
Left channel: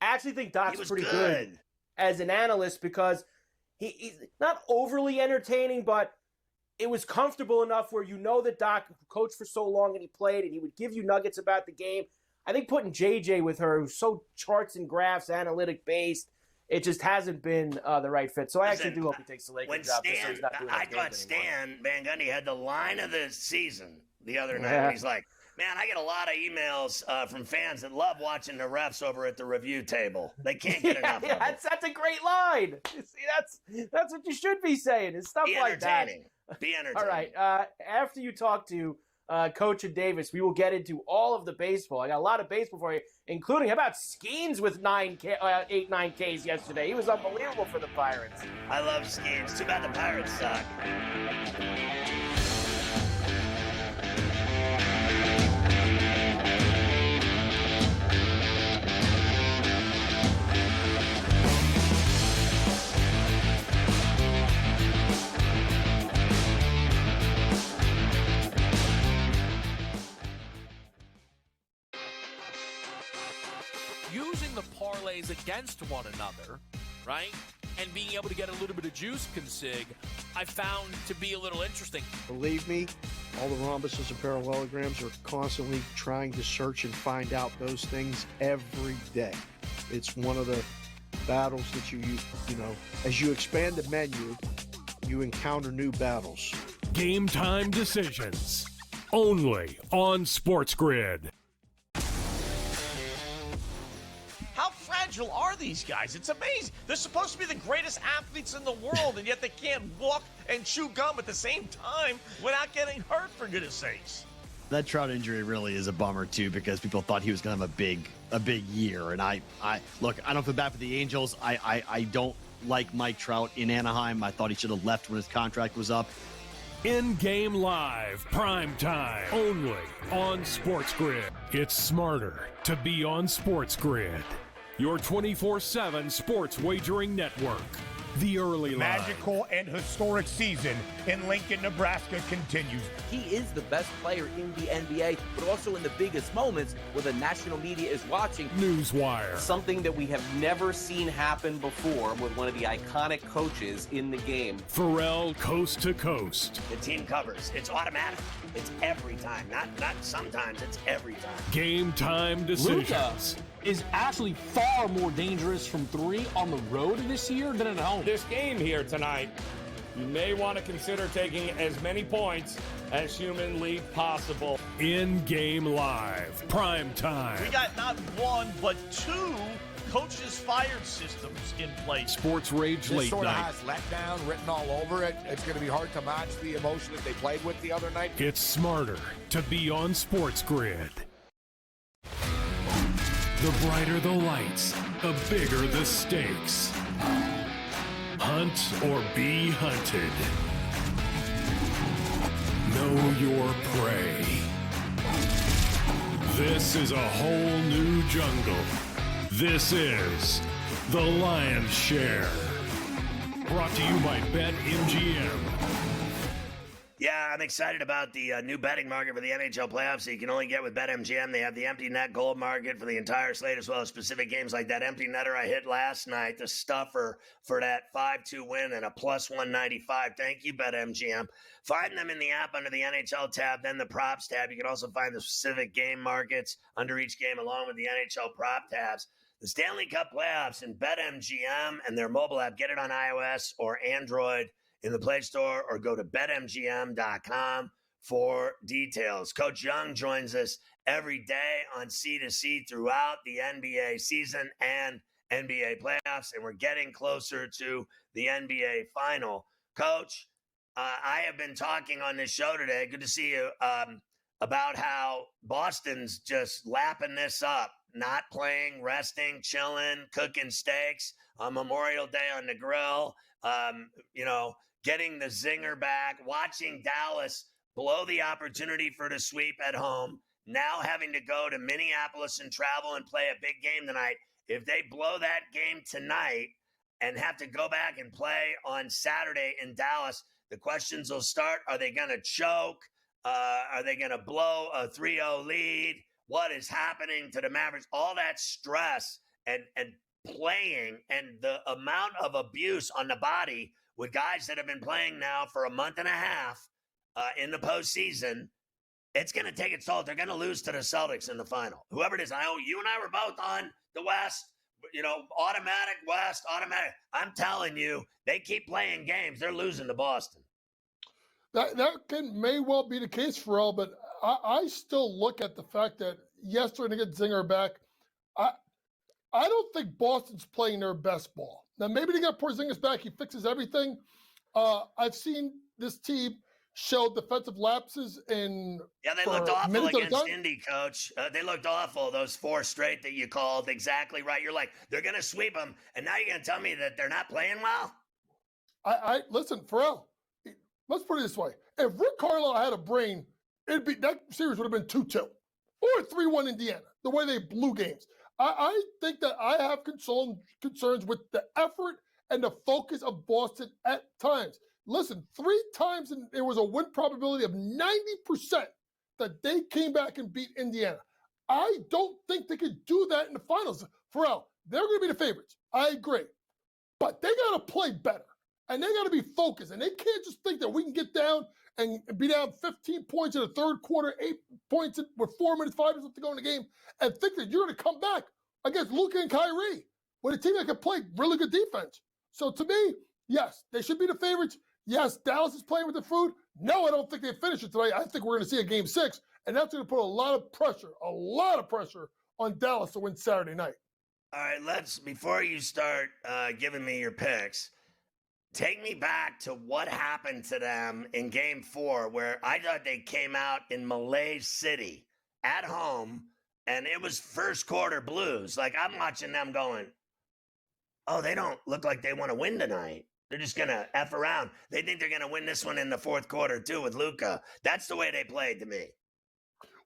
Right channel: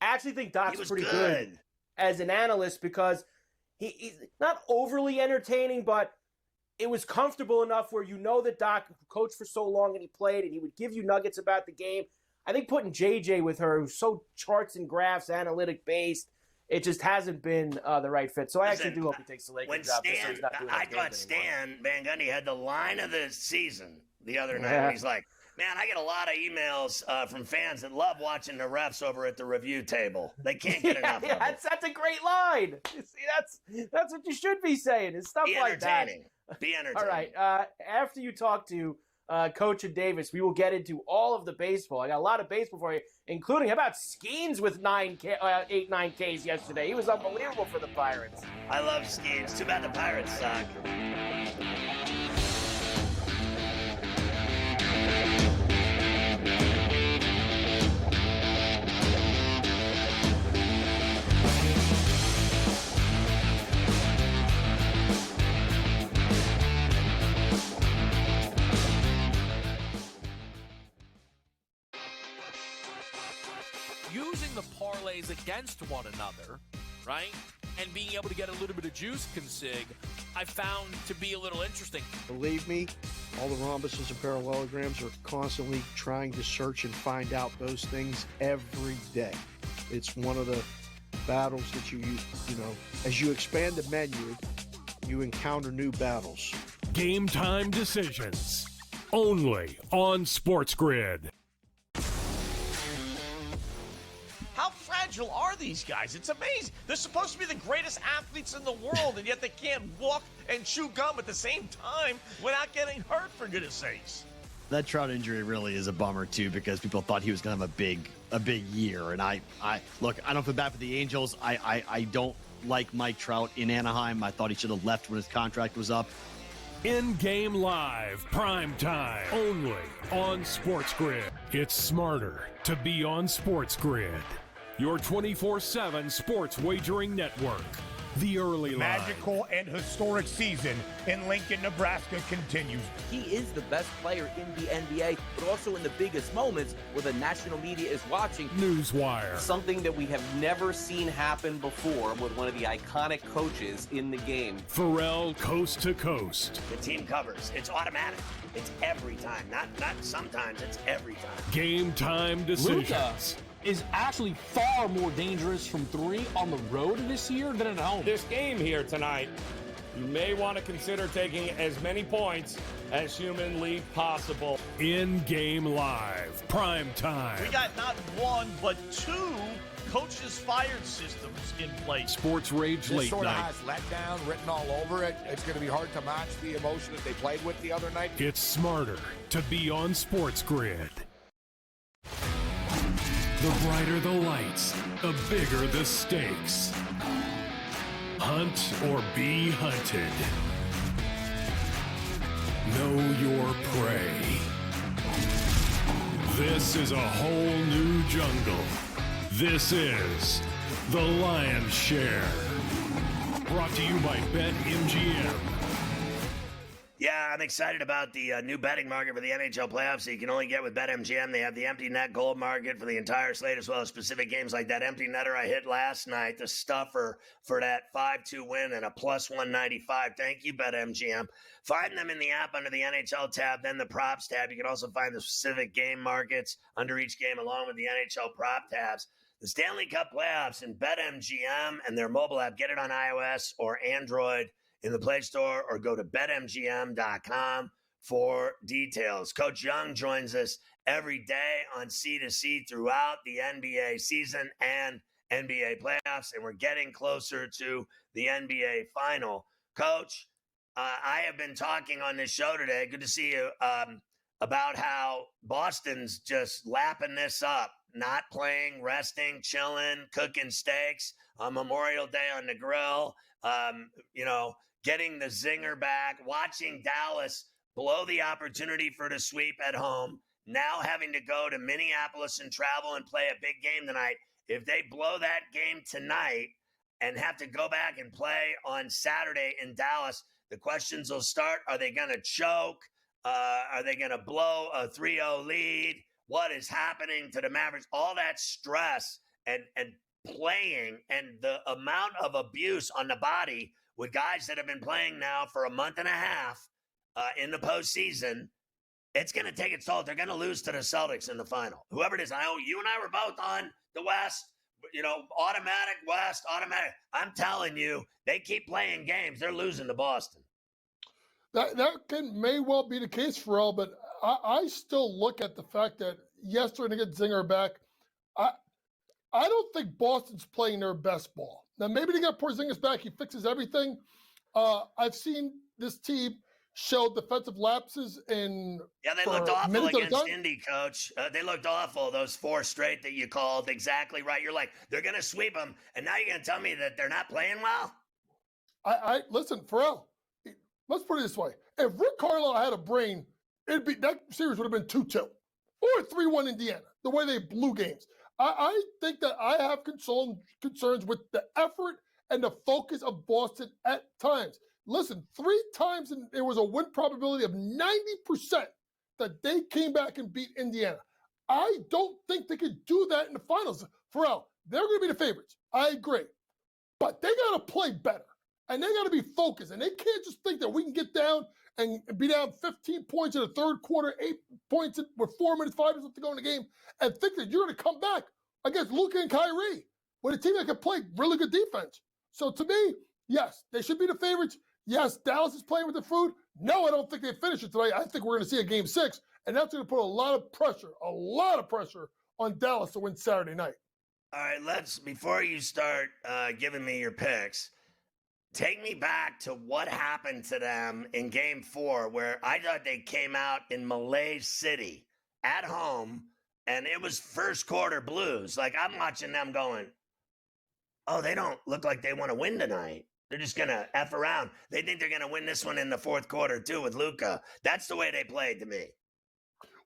I actually think Doc's pretty good as an analyst because he's not overly entertaining, but it was comfortable enough where that Doc coached for so long and he played and he would give you nuggets about the game. I think putting JJ with her, who's so charts and graphs, analytic based, it just hasn't been the right fit. So I actually do hope he takes the Lakers job. I thought Stan Van Gundy had the line of the season the other night. And he's like, man, I get a lot of emails from fans that love watching the refs over at the review table. They can't get enough of it. That's a great line. See, that's what you should be saying. It's stuff like that. Be entertaining. All right. After you talk to Coach and Davis, we will get into all of the baseball. I got a lot of baseball for you, including how about Skeens with 9 Ks yesterday. He was unbelievable for the Pirates. I love Skeens. Too bad the Pirates suck. Using the parlays against one another, right, and being able to get a little bit of juice consig, I found to be a little interesting. Believe me, all the rhombuses and parallelograms are constantly trying to search and find out those things every day. It's one of the battles that you as you expand the menu, you encounter new battles. Game time decisions, only on SportsGrid. How fragile are these guys? It's amazing. They're supposed to be the greatest athletes in the world, and yet they can't walk and chew gum at the same time without getting hurt, for goodness sakes. That Trout injury really is a bummer, too, because people thought he was going to have a big year. And I look, I don't feel bad for the Angels. I don't like Mike Trout in Anaheim. I thought he should have left when his contract was up. In-game live, prime time, only on SportsGrid. It's smarter to be on SportsGrid. Your 24/7 sports wagering network. The early line. Magical and historic season in Lincoln, Nebraska continues. He is the best player in the NBA, but also in the biggest moments where the national media is watching. Newswire. Something that we have never seen happen before with one of the iconic coaches in the game. Ferrall coast to coast. The team covers. It's automatic. It's every time. Not sometimes. It's every time. Game time decisions. Luka is actually far more dangerous from 3 on the road this year than at home. This game here tonight, you may want to consider taking as many points as humanly possible. In-game live, prime time. We got not 1, but 2 coaches fired systems in place. Sports Rage This late sort of night. has letdown written all over it. It's going to be hard to match the emotion that they played with the other night. It's smarter to be on SportsGrid. The brighter the lights, the bigger the stakes. Hunt or be hunted. Know your prey. This is a whole new jungle. This is The Lion's Share. Brought to you by BetMGM. Yeah, I'm excited about the new betting market for the NHL playoffs that you can only get with BetMGM. They have the empty net gold market for the entire slate, as well as specific games like that empty netter I hit last night, the stuffer for that 5-2 win and a plus 195. Thank you, BetMGM. Find them in the app under the NHL tab, then the props tab. You can also find the specific game markets under each game along with the NHL prop tabs. The Stanley Cup playoffs in BetMGM and their mobile app. Get it on iOS or Android in the Play Store, or go to BetMGM.com for details. Coach Young joins us every day on C2C throughout the NBA season and NBA playoffs, and we're getting closer to the NBA final. Coach, I have been talking on this show today, good to see you, about how Boston's just lapping this up, not playing, resting, chilling, cooking steaks on Memorial Day on the grill, getting the zinger back, watching Dallas blow the opportunity for the sweep at home, now having to go to Minneapolis and travel and play a big game tonight. If they blow that game tonight and have to go back and play on Saturday in Dallas, the questions will start. Are they going to choke? Are they going to blow a 3-0 lead? What is happening to the Mavericks? All that stress and playing and the amount of abuse on the body with guys that have been playing now for a month and a half in the postseason, it's going to take its toll. They're going to lose to the Celtics in the final. Whoever it is, you and I were both on the West, automatic West, automatic. I'm telling you, they keep playing games. They're losing to Boston. That may well be the case, Ferrall, but I still look at the fact that, yes, they're going to get Zinger back. I don't think Boston's playing their best ball. Now, maybe they got Porzingis back. He fixes everything. I've seen this team show defensive lapses in. Yeah, they looked awful against Indy, Coach. They looked awful, those 4 straight that you called. Exactly right. You're like, they're going to sweep them, and now you're going to tell me that they're not playing well? Listen, Ferrall, let's put it this way. If Rick Carlisle had a brain, that series would have been 2-2 or 3-1 Indiana, the way they blew games. I think that I have concerns with the effort and the focus of Boston at times. Listen, 3 times there was a win probability of 90% that they came back and beat Indiana. I don't think they could do that in the finals. Ferrall, they're going to be the favorites. I agree. But they got to play better, and they got to be focused, and they can't just think that we can get down and be down 15 points in the third quarter, 8 points with 4 minutes, 5 minutes left to go in the game, and think that you're going to come back against Luka and Kyrie with a team that can play really good defense. So to me, yes, they should be the favorites. Yes, Dallas is playing with the food. No, I don't think they finish it tonight. I think we're going to see a game 6, and that's going to put a lot of pressure on Dallas to win Saturday night. All right, before you start giving me your picks, take me back to what happened to them in Game 4, where I thought they came out in Malay City at home, and it was first quarter blues. Like, I'm watching them going, oh, they don't look like they want to win tonight. They're just going to F around. They think they're going to win this one in the fourth quarter, too, with Luka. That's the way they played to me.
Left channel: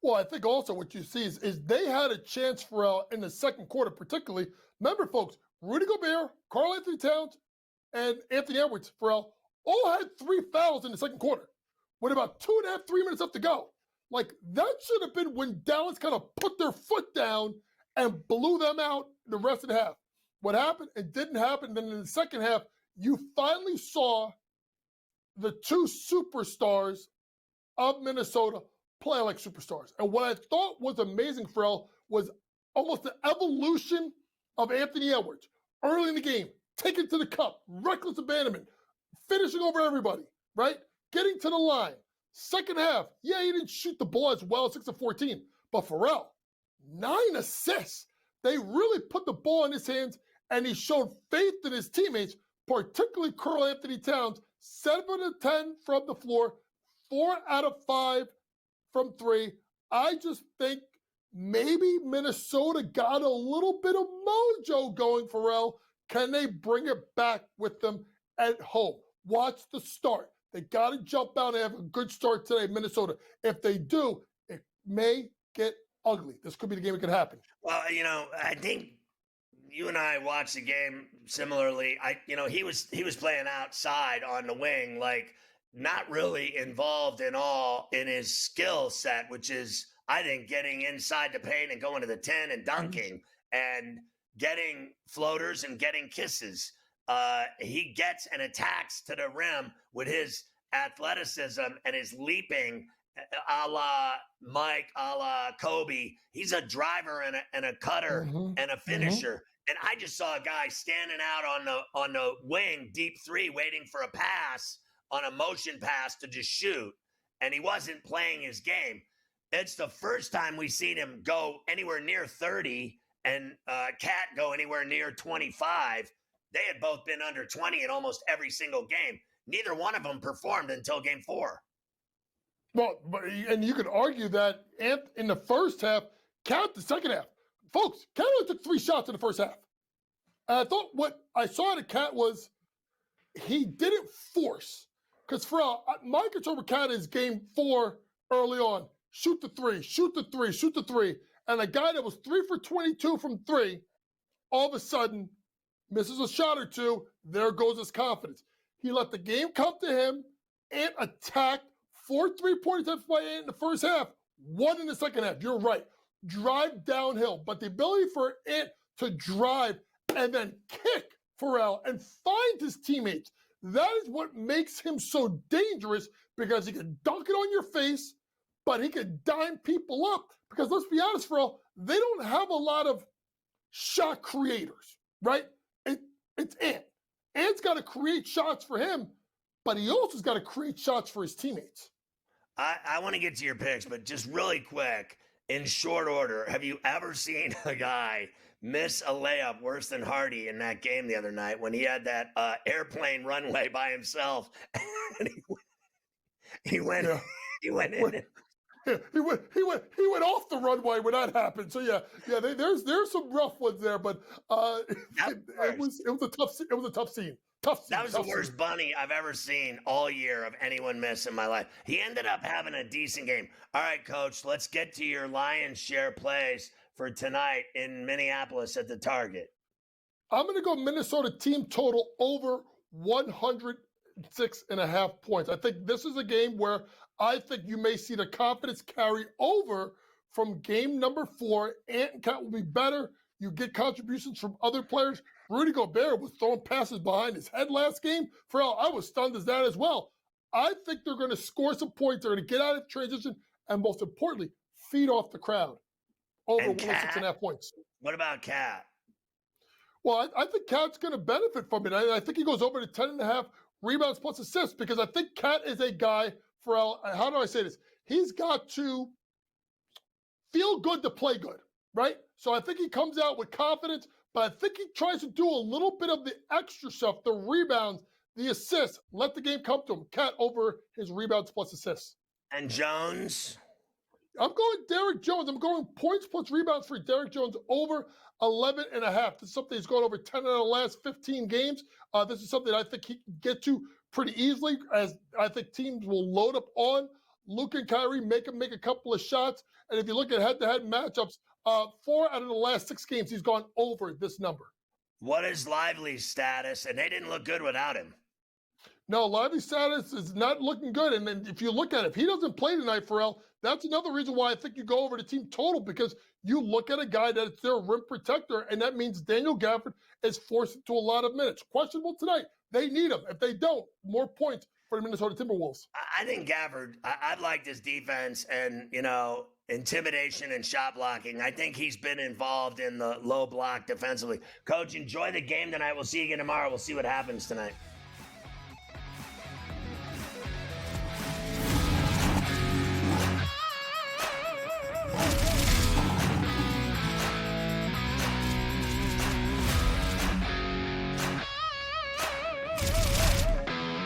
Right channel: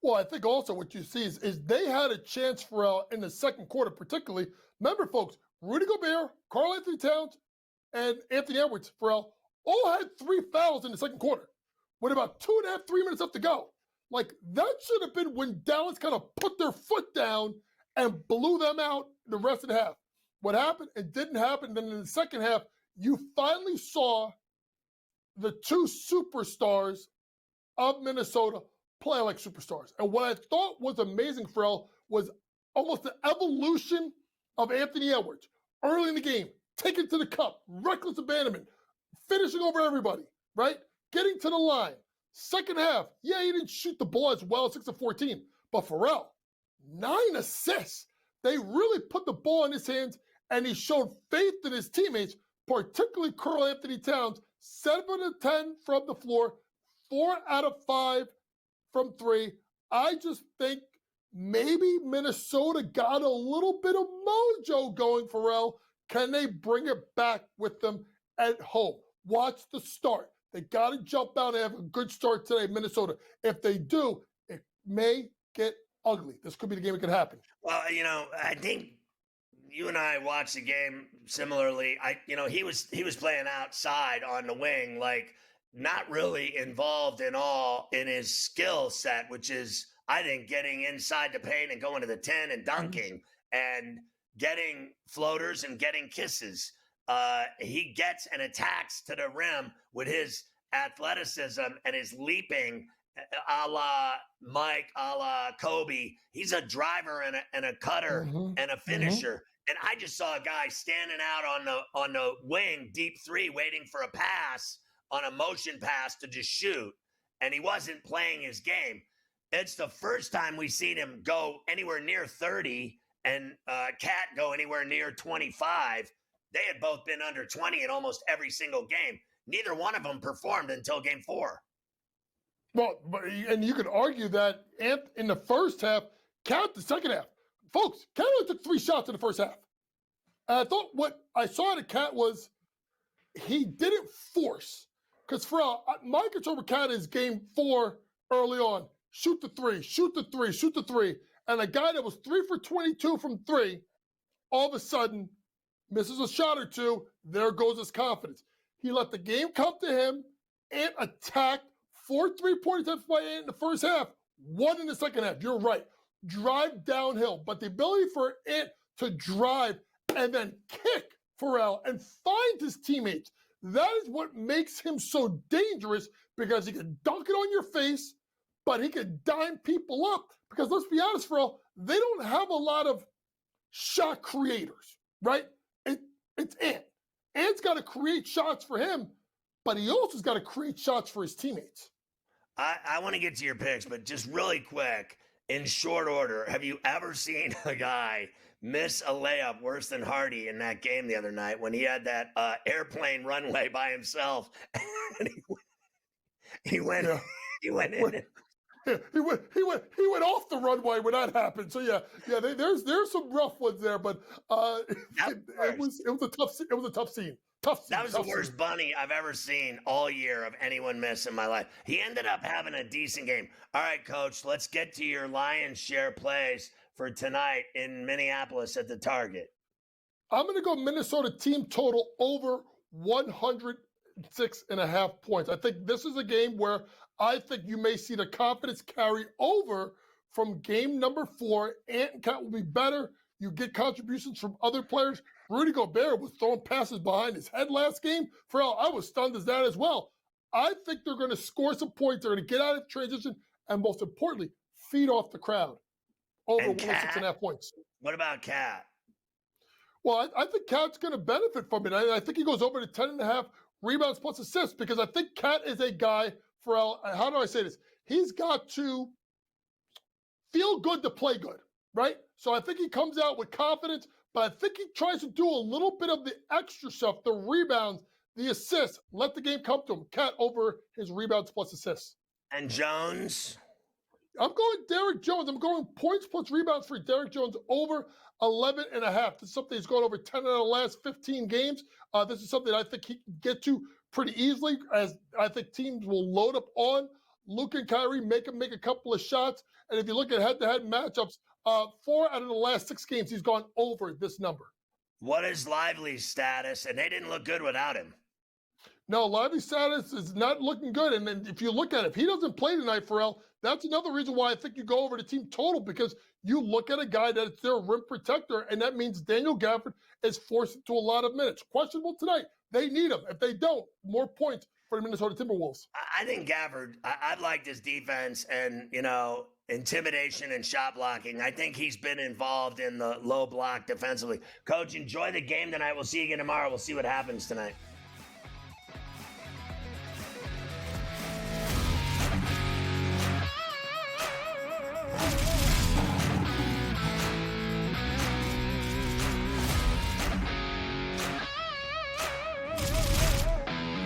Well, I think also what you see is they had a chance for in the second quarter, particularly. Remember, folks, Rudy Gobert, Karl-Anthony Towns, and Anthony Edwards, all had 3 fouls in the second quarter with about 2.5, 3 minutes left to go. Like, that should have been when Dallas kind of put their foot down and blew them out the rest of the half. What happened? It didn't happen. Then in the second half, you finally saw the 2 superstars of Minnesota play like superstars. And what I thought was amazing, Ferrall, was almost the evolution of Anthony Edwards early in the game, taking to the cup, reckless abandonment, finishing over everybody, right? Getting to the line. Second half, yeah, he didn't shoot the ball as well, 6 of 14. But Ferrall, 9 assists. They really put the ball in his hands, and he showed faith in his teammates, particularly Karl-Anthony Towns, 7 of 10 from the floor, 4 out of 5 from 3. I just think maybe Minnesota got a little bit of mojo going, Ferrall. Can they bring it back with them at home? Watch the start. They got to jump out and have a good start today, Minnesota. If they do, it may get ugly. This could be the game that could happen. Well, I think you and I watched the game similarly. He was playing outside on the wing, like not really involved in all in his skill set, which is, I think, getting inside the paint and going to the 10 and dunking and getting floaters and getting kisses. He gets and attacks to the rim with his athleticism and his leaping, a la Mike, a la Kobe. He's a driver and a cutter and a finisher. And I just saw a guy standing out on the wing, deep three, waiting for a pass on a motion pass to just shoot. And he wasn't playing his game. It's the first time we've seen him go anywhere near 30 and Cat go anywhere near 25. They had both been under 20 in almost every single game. Neither one of them performed until game 4. Well, and you could argue that Ant in the first half, Cat the second half. Folks, Cat only took 3 shots in the first half. And I thought what I saw at Cat was he didn't force. Because my concern with Cat is game 4 early on. Shoot the 3, shoot the 3, shoot the 3. And a guy that was 3 for 22 from 3, all of a sudden misses a shot or 2. There goes his confidence. He let the game come to him and attacked 4 3-point attempts by Ant in the first half, 1 in the second half. You're right. Drive downhill. But the ability for Ant to drive and then kick Ferrall and find his teammates, that is what makes him so dangerous, because he can dunk it on your face, but he can dime people up. Because let's be honest, Ferrall, they don't have a lot of shot creators, right? It's Ant. Ant's got to create shots for him, but he also has got to create shots for his teammates. I want to get to your picks, but just really quick, in short order, have you ever seen a guy miss a layup worse than Hardy in that game the other night when he had that airplane runway by himself? And he went in. He went off the runway when that happened. So yeah, there's some rough ones there, but it was a tough scene. That was the worst bunny I've ever seen all year of anyone miss in my life. He ended up having a decent game. All right, Coach, let's get to your lion's share plays for tonight in Minneapolis at the Target. I'm going to go Minnesota team total over 106.5 points. I think this is a game where I think you may see the confidence carry over from game number 4. Ant and Cat will be better. You get contributions from other players. Rudy Gobert was throwing passes behind his head last game. Ferrall, I was stunned as that as well. I think they're going to score some points. They're going to get out of transition and, most importantly, feed off the crowd. Over 106.5 points. What about Cat? Well, I think Cat's going to benefit from it. I think he goes over to 10.5 rebounds plus assists, because I think Cat is a guy, Ferrall, how do I say this? He's got to feel good to play good, right? So I think he comes out with confidence, but I think he tries to do a little bit of the extra stuff, the rebounds, the assists. Let the game come to him. Cat over his rebounds plus assists. And Jones? I'm going Derrick Jones. I'm going points plus rebounds for Derrick Jones over 11.5. This is something he's gone over 10 of the last 15 games. This is something I think he can get to pretty easily, as I think teams will load up on Luke and Kyrie, make him make a couple of shots. And if you look at head-to-head matchups, 4 out of the last 6 games, he's gone over this number. What is Lively's status? And they didn't look good without him. No, Lively's status is not looking good. And then if you look at it, if he doesn't play tonight, Ferrall, that's another reason why I think you go over to team total, because you look at a guy that's their rim protector, and that means Daniel Gafford is forced into a lot of minutes. Questionable tonight. They need him. If they don't, more points for the Minnesota Timberwolves. I think Gafford, I liked his defense and, intimidation and shot blocking. I think he's been involved in the low block defensively. Coach, enjoy the game tonight. We'll see you again tomorrow. We'll see what happens tonight.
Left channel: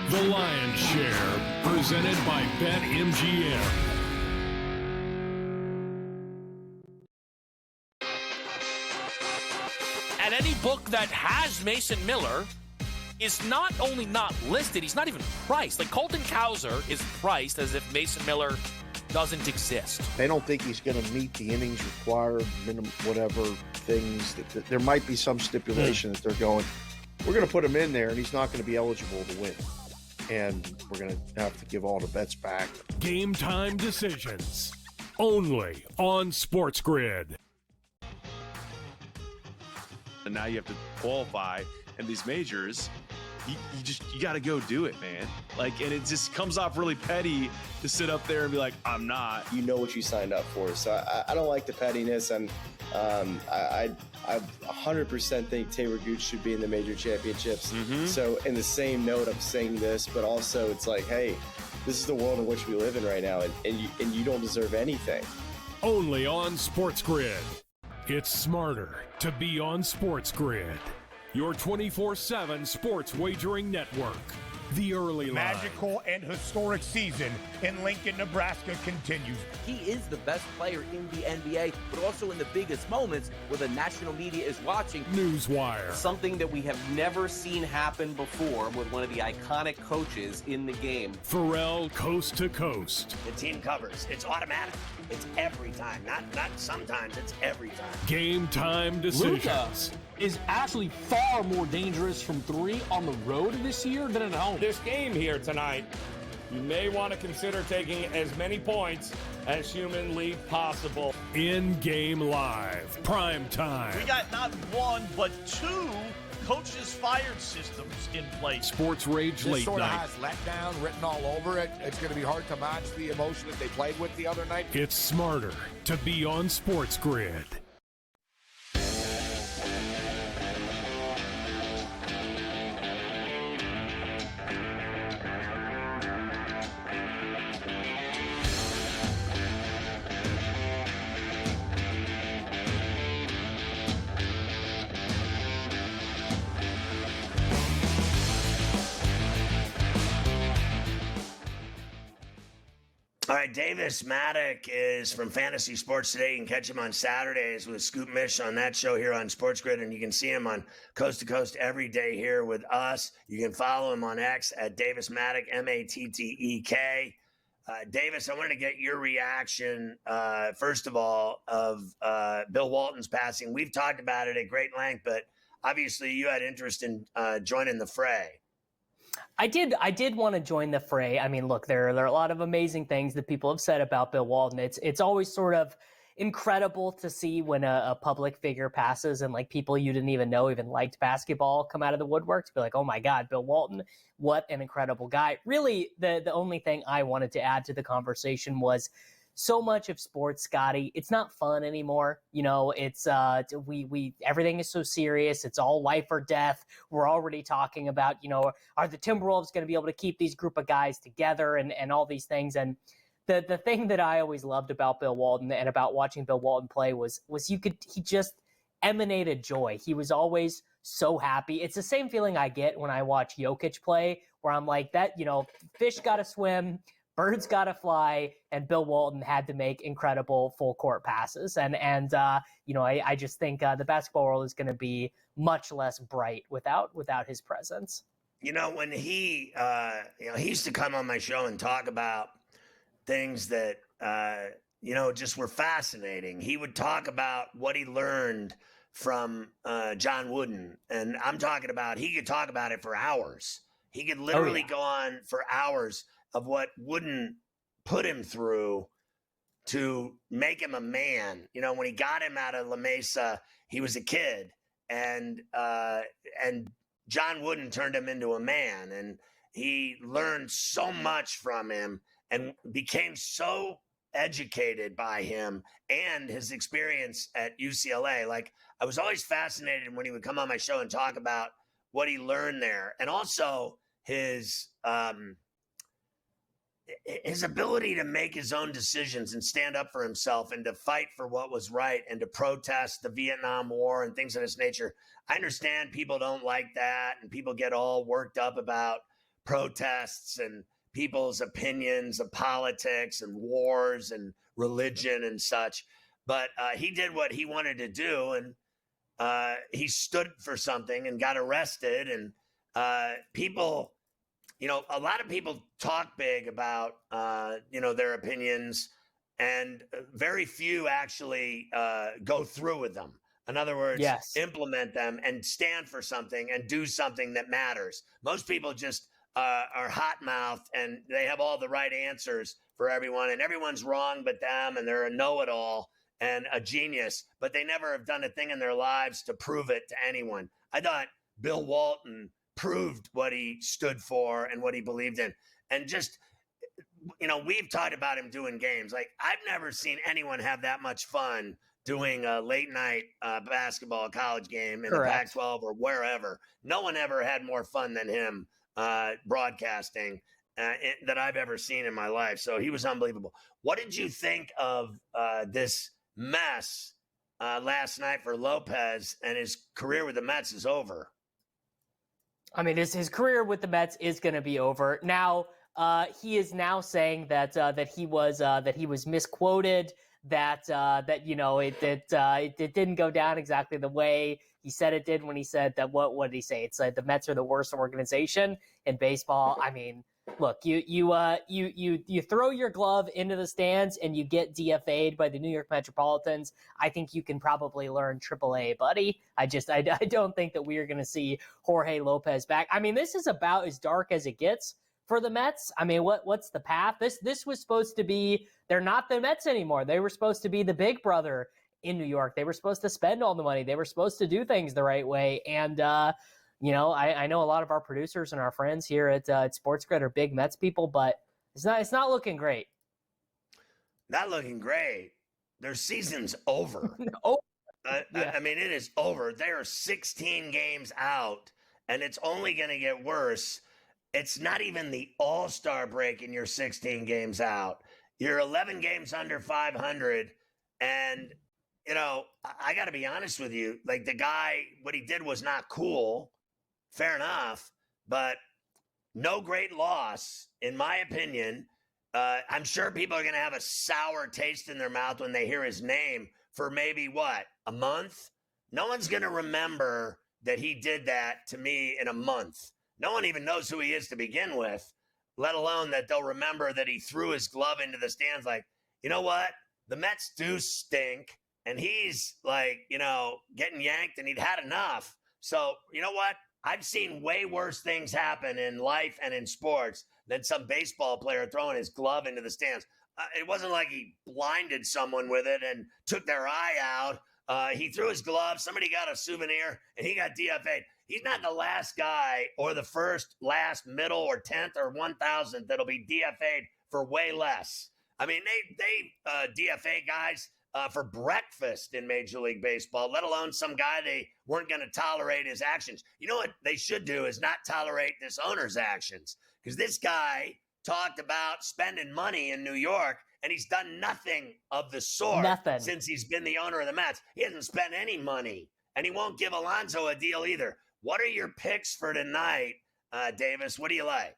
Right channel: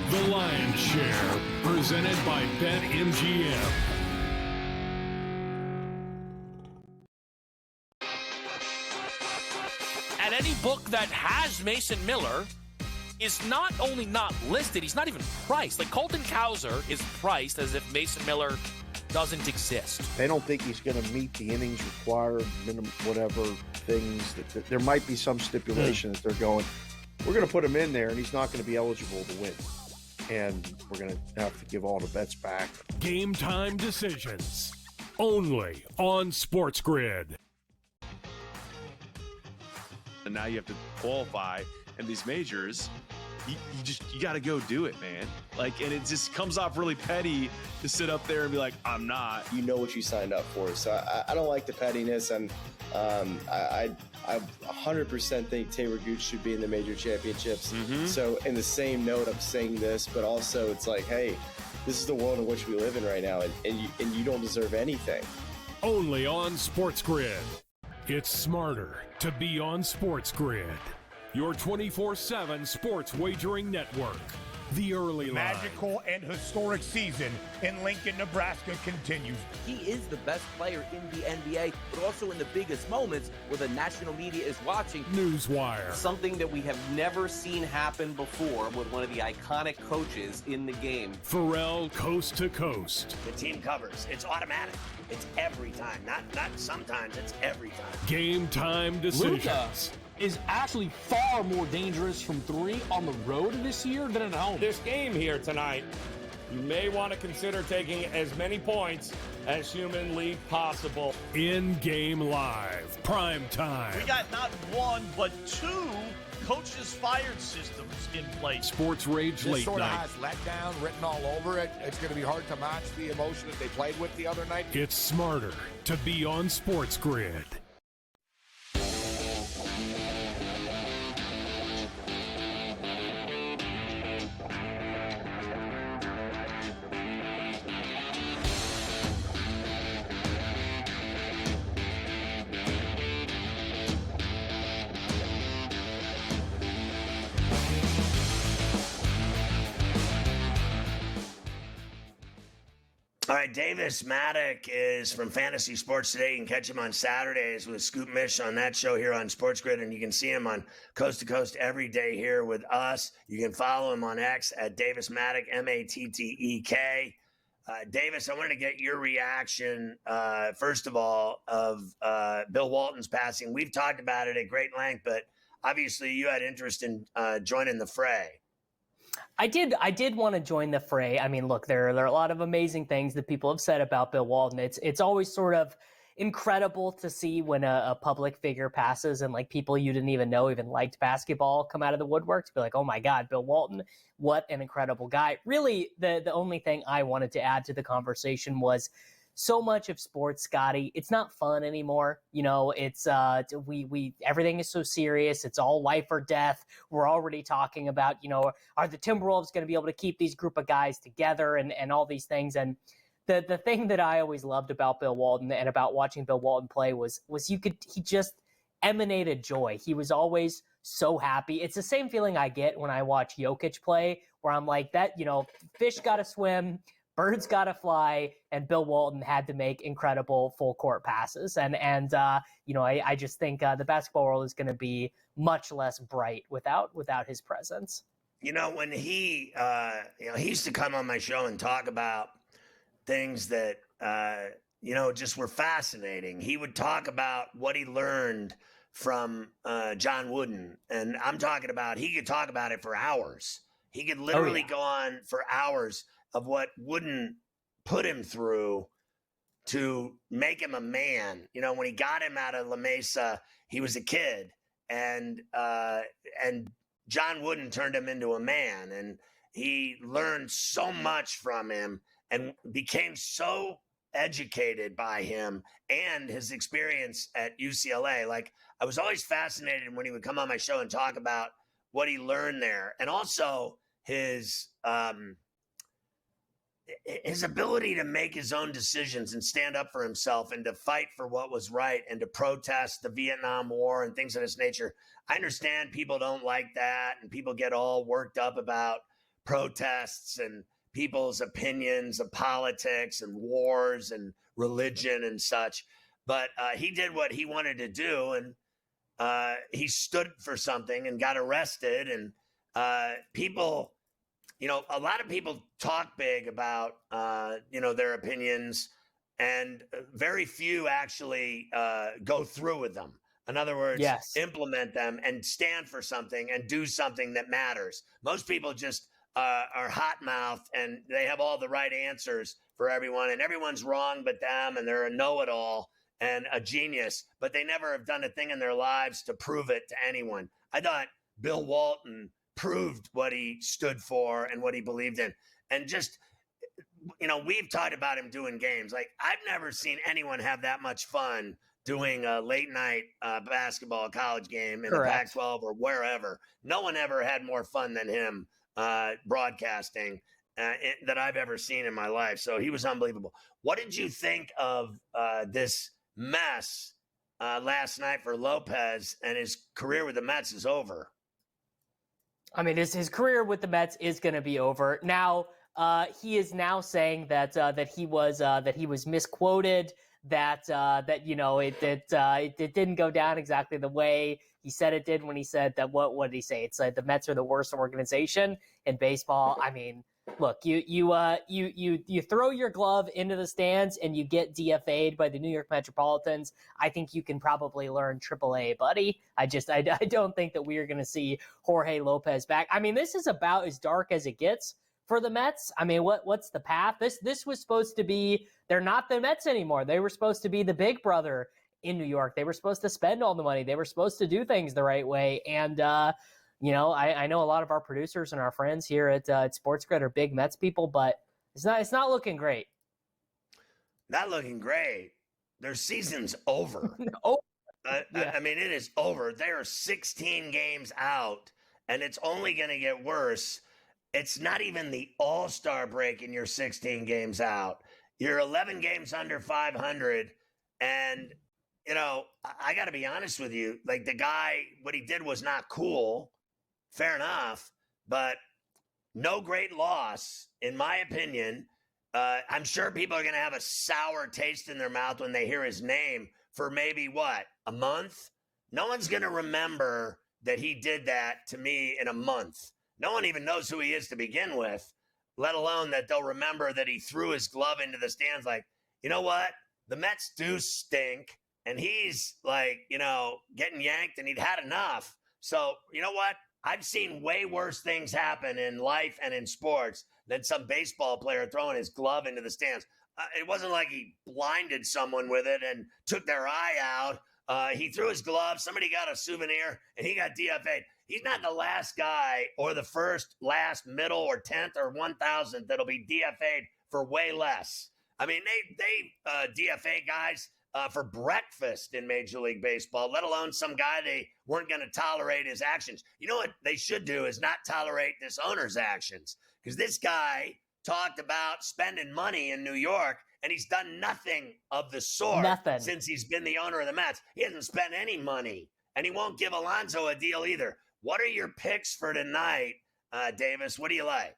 The Lion's Share, presented by BetMGM. any book that has Mason Miller is not only not listed, he's not even priced. Like Colton Cowser is priced as if Mason Miller doesn't exist. They don't think he's going to meet the innings required, minimum, whatever things. That there might be some stipulation that they're going, we're going to put him in there and he's not going to be eligible to win. And we're going to have to give all the bets back. Game time decisions. Only on SportsGrid. And now you have to qualify in these majors. You got to go do it, man. Like, and it just comes off really petty to sit up there and be like, I'm not. You know what you signed up for. So I don't like the pettiness. And I 100% think Taylor Gooch should be in the major championships. So in the same note, I'm saying this, but also it's like, hey, this is the world in which we live in right now, and you don't deserve anything. Only on SportsGrid. It's smarter to be on SportsGrid. Your 24/7 sports wagering network. The early line. Magical and historic season in Lincoln, Nebraska continues. He is the best player in the NBA, but also in the biggest moments where the national media is watching. Newswire. Something that we have never seen happen before with one of the iconic coaches in the game. Ferrall coast to coast. The team covers. It's automatic. It's every time. Not sometimes. It's every time. Game time decisions. Luka is actually far more dangerous from three on the road this year than at home. This game here tonight, you may want to consider taking as many points as humanly possible. In-game live. Prime time. We got not one, but two coaches fired systems in place. Sports Rage This Late sort of Night. has letdown written all over it. It's going to be hard to match the emotion that they played with the other night. It's smarter to be on SportsGrid. All right, Davis Maddock is from Fantasy Sports Today. You can catch him on Saturdays with Scoop Mish on that show here on SportsGrid, and you can see him on Coast to Coast every day here with us. You can follow him on X at Davis Maddock, Mattek. Davis, I wanted to get your reaction, first of all, of Bill Walton's passing. We've talked about it at great length, but obviously you had interest in joining the fray. I did want to join the fray. I mean, look, there are a lot of amazing things that people have said about Bill Walton. It's always sort of incredible to see when a public figure passes and like people you didn't even know even liked basketball come out of the woodwork to be like, oh my God, Bill Walton, what an incredible guy. Really, the only thing I wanted to add to the conversation was so much of sports, Scotty, it's not fun anymore. You know, it's we everything is so serious. It's all life or death. We're already talking about, you know, are the Timberwolves going to be able to keep these group of guys together and all these things. And the thing that I always loved about Bill Walton and about watching Bill Walton play was he just emanated joy. He was always so happy. It's the same feeling I get when I watch Jokic play, where I'm like, that, you know, fish got to swim, birds got to fly, and Bill Walton had to make incredible full court passes. And you know, I just think the basketball world is going to be much less bright without his presence. You know, when he used to come on my show and talk about things that, you know, just were fascinating. He would talk about what he learned from John Wooden. And I'm talking about, he could talk about it for hours. He could literally go on for hours of what Wooden put him through to make him a man. You know, when he got him out of La Mesa, he was a kid, and John Wooden turned him into a man, and he learned so much from him and became so educated by him and his experience at UCLA. Like, I was always fascinated when he would come on my show and talk about what he learned there, and also his ability to make his own decisions and stand up for himself and to fight for what was right and to protest the Vietnam War and things of this nature. I understand people don't like that and people get all worked up about protests and people's opinions of politics and wars and religion and such. But he did what he wanted to do. And he stood for something and got arrested. And people, a lot of people talk big about, their opinions, and very few actually go through with them. In other words, implement them and stand for something and do something that matters. Most people just are hot-mouthed, and they have all the right answers for everyone, and everyone's wrong but them, and they're a know-it-all and a genius, but they never have done a thing in their lives to prove it to anyone. I thought Bill Walton proved what he stood for and what he believed in. And just, we've talked about him doing games. Like, I've never seen anyone have that much fun doing a late night basketball college game in the Pac-12 or wherever. No one ever had more fun than him broadcasting that I've ever seen in my life. So he was unbelievable. What did you think of this mess last night for Lopez? And his career with the Mets is over. I mean, his career with the Mets is going to be over. Now, he is now saying that he was misquoted, that it didn't go down exactly the way he said it did when he said that. What did he say? It's like the Mets are the worst organization in baseball. I mean, look, you throw your glove into the stands and you get DFA'd by the New York Metropolitans. I think you can probably learn AAA, buddy. I don't think that we are going to see Jorge Lopez back. I mean, this is about as dark as it gets for the Mets. I mean, what's the path? This was supposed to be, they're not the Mets anymore. They were supposed to be the big brother in New York. They were supposed to spend all the money. They were supposed to do things the right way. And, I know a lot of our producers and our friends here at SportsGrid are big Mets people, but it's not looking great. Not looking great. Their season's over. I mean, it is over. They are 16 games out, and it's only going to get worse. It's not even the All-Star break and you're 16 games out. You're 11 games under 500, and, I got to be honest with you. Like, the guy, what he did was not cool. Fair enough, but no great loss, in my opinion. I'm sure people are going to have a sour taste in their mouth when they hear his name for maybe, a month? No one's going to remember that he did that to me in a month. No one even knows who he is to begin with, let alone that they'll remember that he threw his glove into the stands like, you know what? The Mets do stink, and he's like, getting yanked, and he'd had enough. So, you know what? I've seen way worse things happen in life and in sports than some baseball player throwing his glove into the stands. It wasn't like he blinded someone with it and took their eye out. He threw his glove, somebody got a souvenir, and he got DFA'd. He's not the last guy or the first, last, middle, or 10th or 1,000th that'll be DFA'd for way less. I mean, they DFA guys for breakfast in Major League Baseball, let alone some guy they weren't going to tolerate his actions. You know what they should do is not tolerate this owner's actions, because this guy talked about spending money in New York, and he's done nothing of the sort since he's been the owner of the Mets. He hasn't spent any money, and he won't give Alonso a deal either. What are your picks for tonight, Davis? What do you like?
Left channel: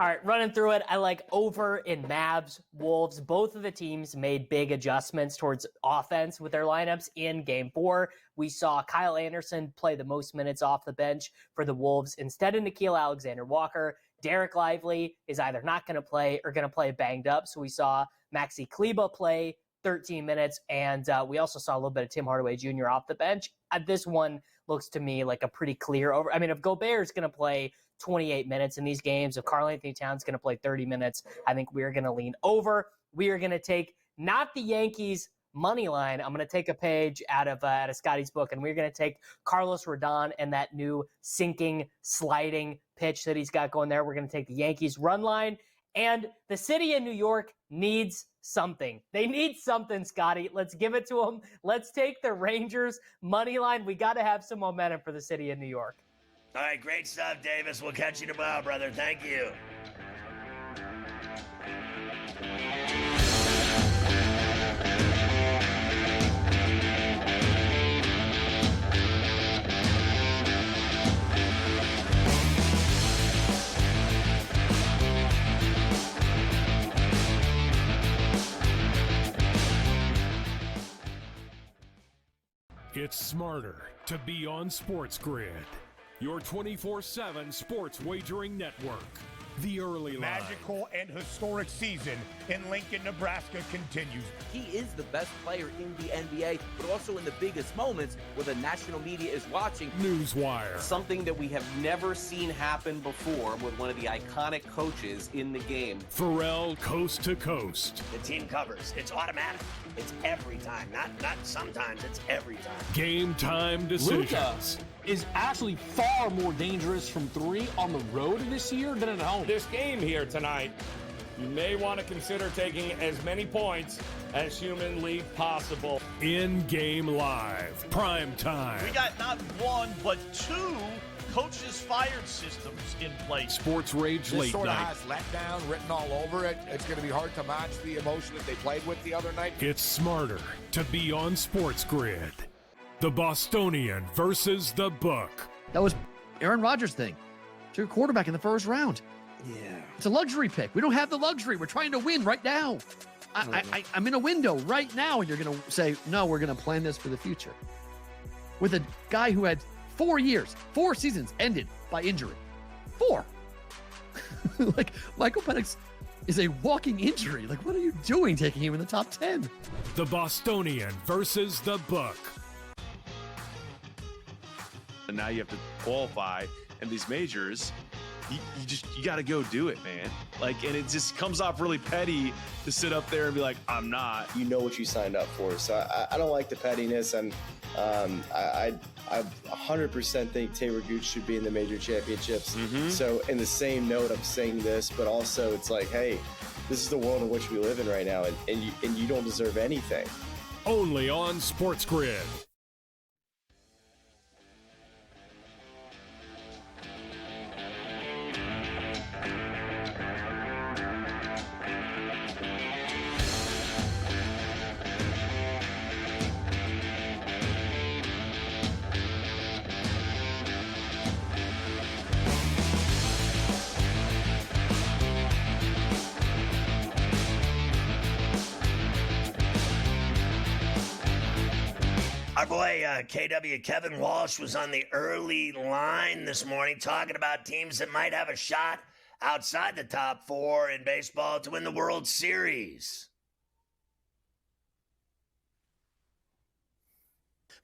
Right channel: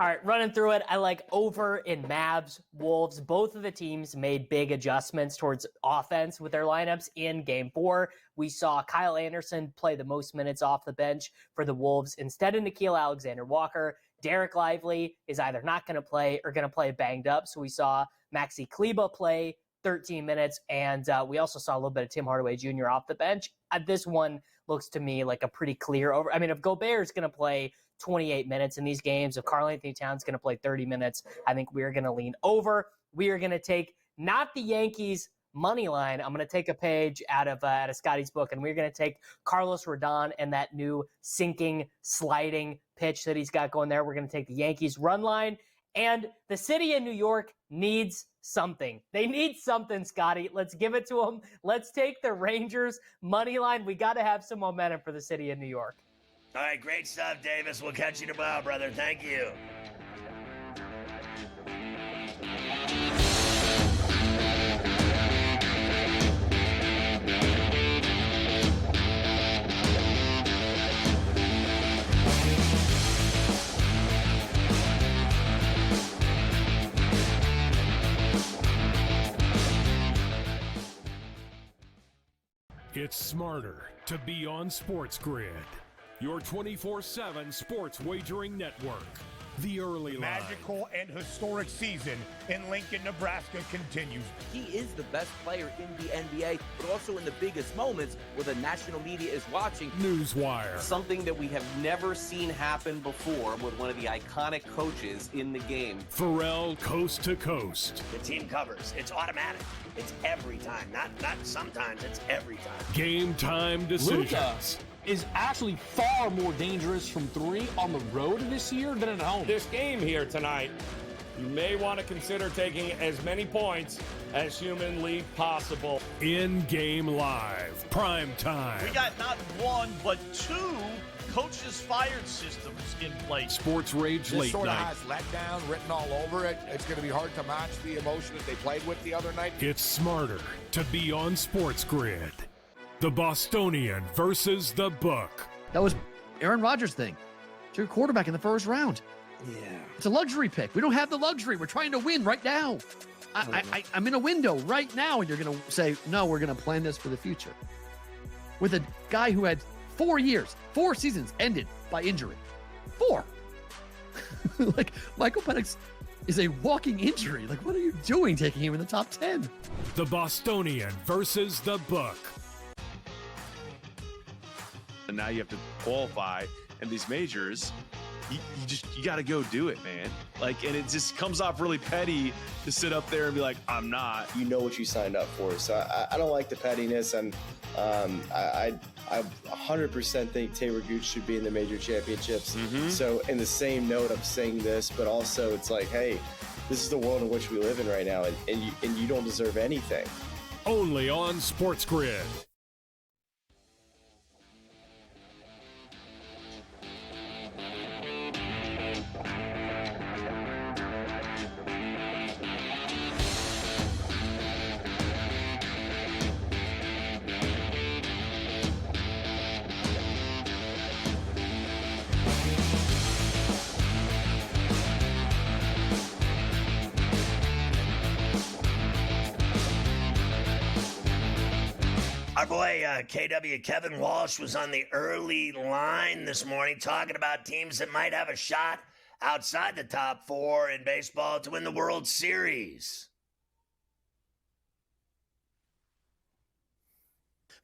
All right, running through it, I like over in Mavs, Wolves. Both of the teams made big adjustments towards offense with their lineups in Game 4. We saw Kyle Anderson play the most minutes off the bench for the Wolves instead of Nickeil Alexander-Walker. Derek Lively is either not going to play or going to play banged up. So we saw Maxi Kleba play 13 minutes, and we also saw a little bit of Tim Hardaway Jr. off the bench. This one looks to me like a pretty clear over. I mean, if Gobert is going to play 28 minutes in these games, if Karl Anthony Towns going to play 30 minutes, I think we are going to lean over. We are going to take not the Yankees money line. I'm going to take a page out of Scotty's book, and we're going to take Carlos Rodon and that new sinking, sliding pitch that he's got going there. We're going to take the Yankees run line, and the city of New York needs something. They need something, Scotty. Let's give it to them. Let's take the Rangers money line. We got to have some momentum for the city of New York. All right, great stuff, Davis. We'll catch you tomorrow, brother. Thank you. It's smarter to be on SportsGrid, your 24/7 sports wagering network. The early line. Magical and historic season in Lincoln, Nebraska continues. He is the best player in the NBA, but also in the biggest moments where the national media is watching. Newswire. Something that we have never seen happen before with one of the iconic coaches in the game. Ferrall coast to coast. The team covers. It's automatic. It's every time. Not sometimes. It's every time. Game time decisions. Luka is actually far more dangerous from three on the road this year than at home. This game here tonight, you may want to consider taking as many points as humanly possible. In-game live. Prime time. We got not one, but two coaches fired systems in place. Sports Rage This Late sort of Night. has letdown written all over it. It's going to be hard to match the emotion that they played with the other night. It's smarter to be on SportsGrid. The Bostonian versus the Book. That was Aaron Rodgers' thing. Took a quarterback in the first round. Yeah. It's a luxury pick. We don't have the luxury. We're trying to win right now. I'm in a window right now, and you're going to say, no, we're going to plan this for the future. With a guy who had 4 years, 4 seasons ended by injury. 4. Like, Michael Penix is a walking injury. Like, what are you doing taking him in the top 10? The Bostonian versus the Book. And now you have to qualify, and these majors, you got to go do it, man. Like, and it just comes off really petty to sit up there and be like, I'm not. You know what you signed up for. So I don't like the pettiness, and I 100% think Taylor Gooch should be in the major championships. So in the same note, I'm saying this, but also it's like, hey, this is the world in which we live in right now, and you don't deserve anything. Only on SportsGrid. Our boy KW Kevin Walsh was on the early line this morning talking about teams that might have a shot outside the top 4 in baseball to win the World Series.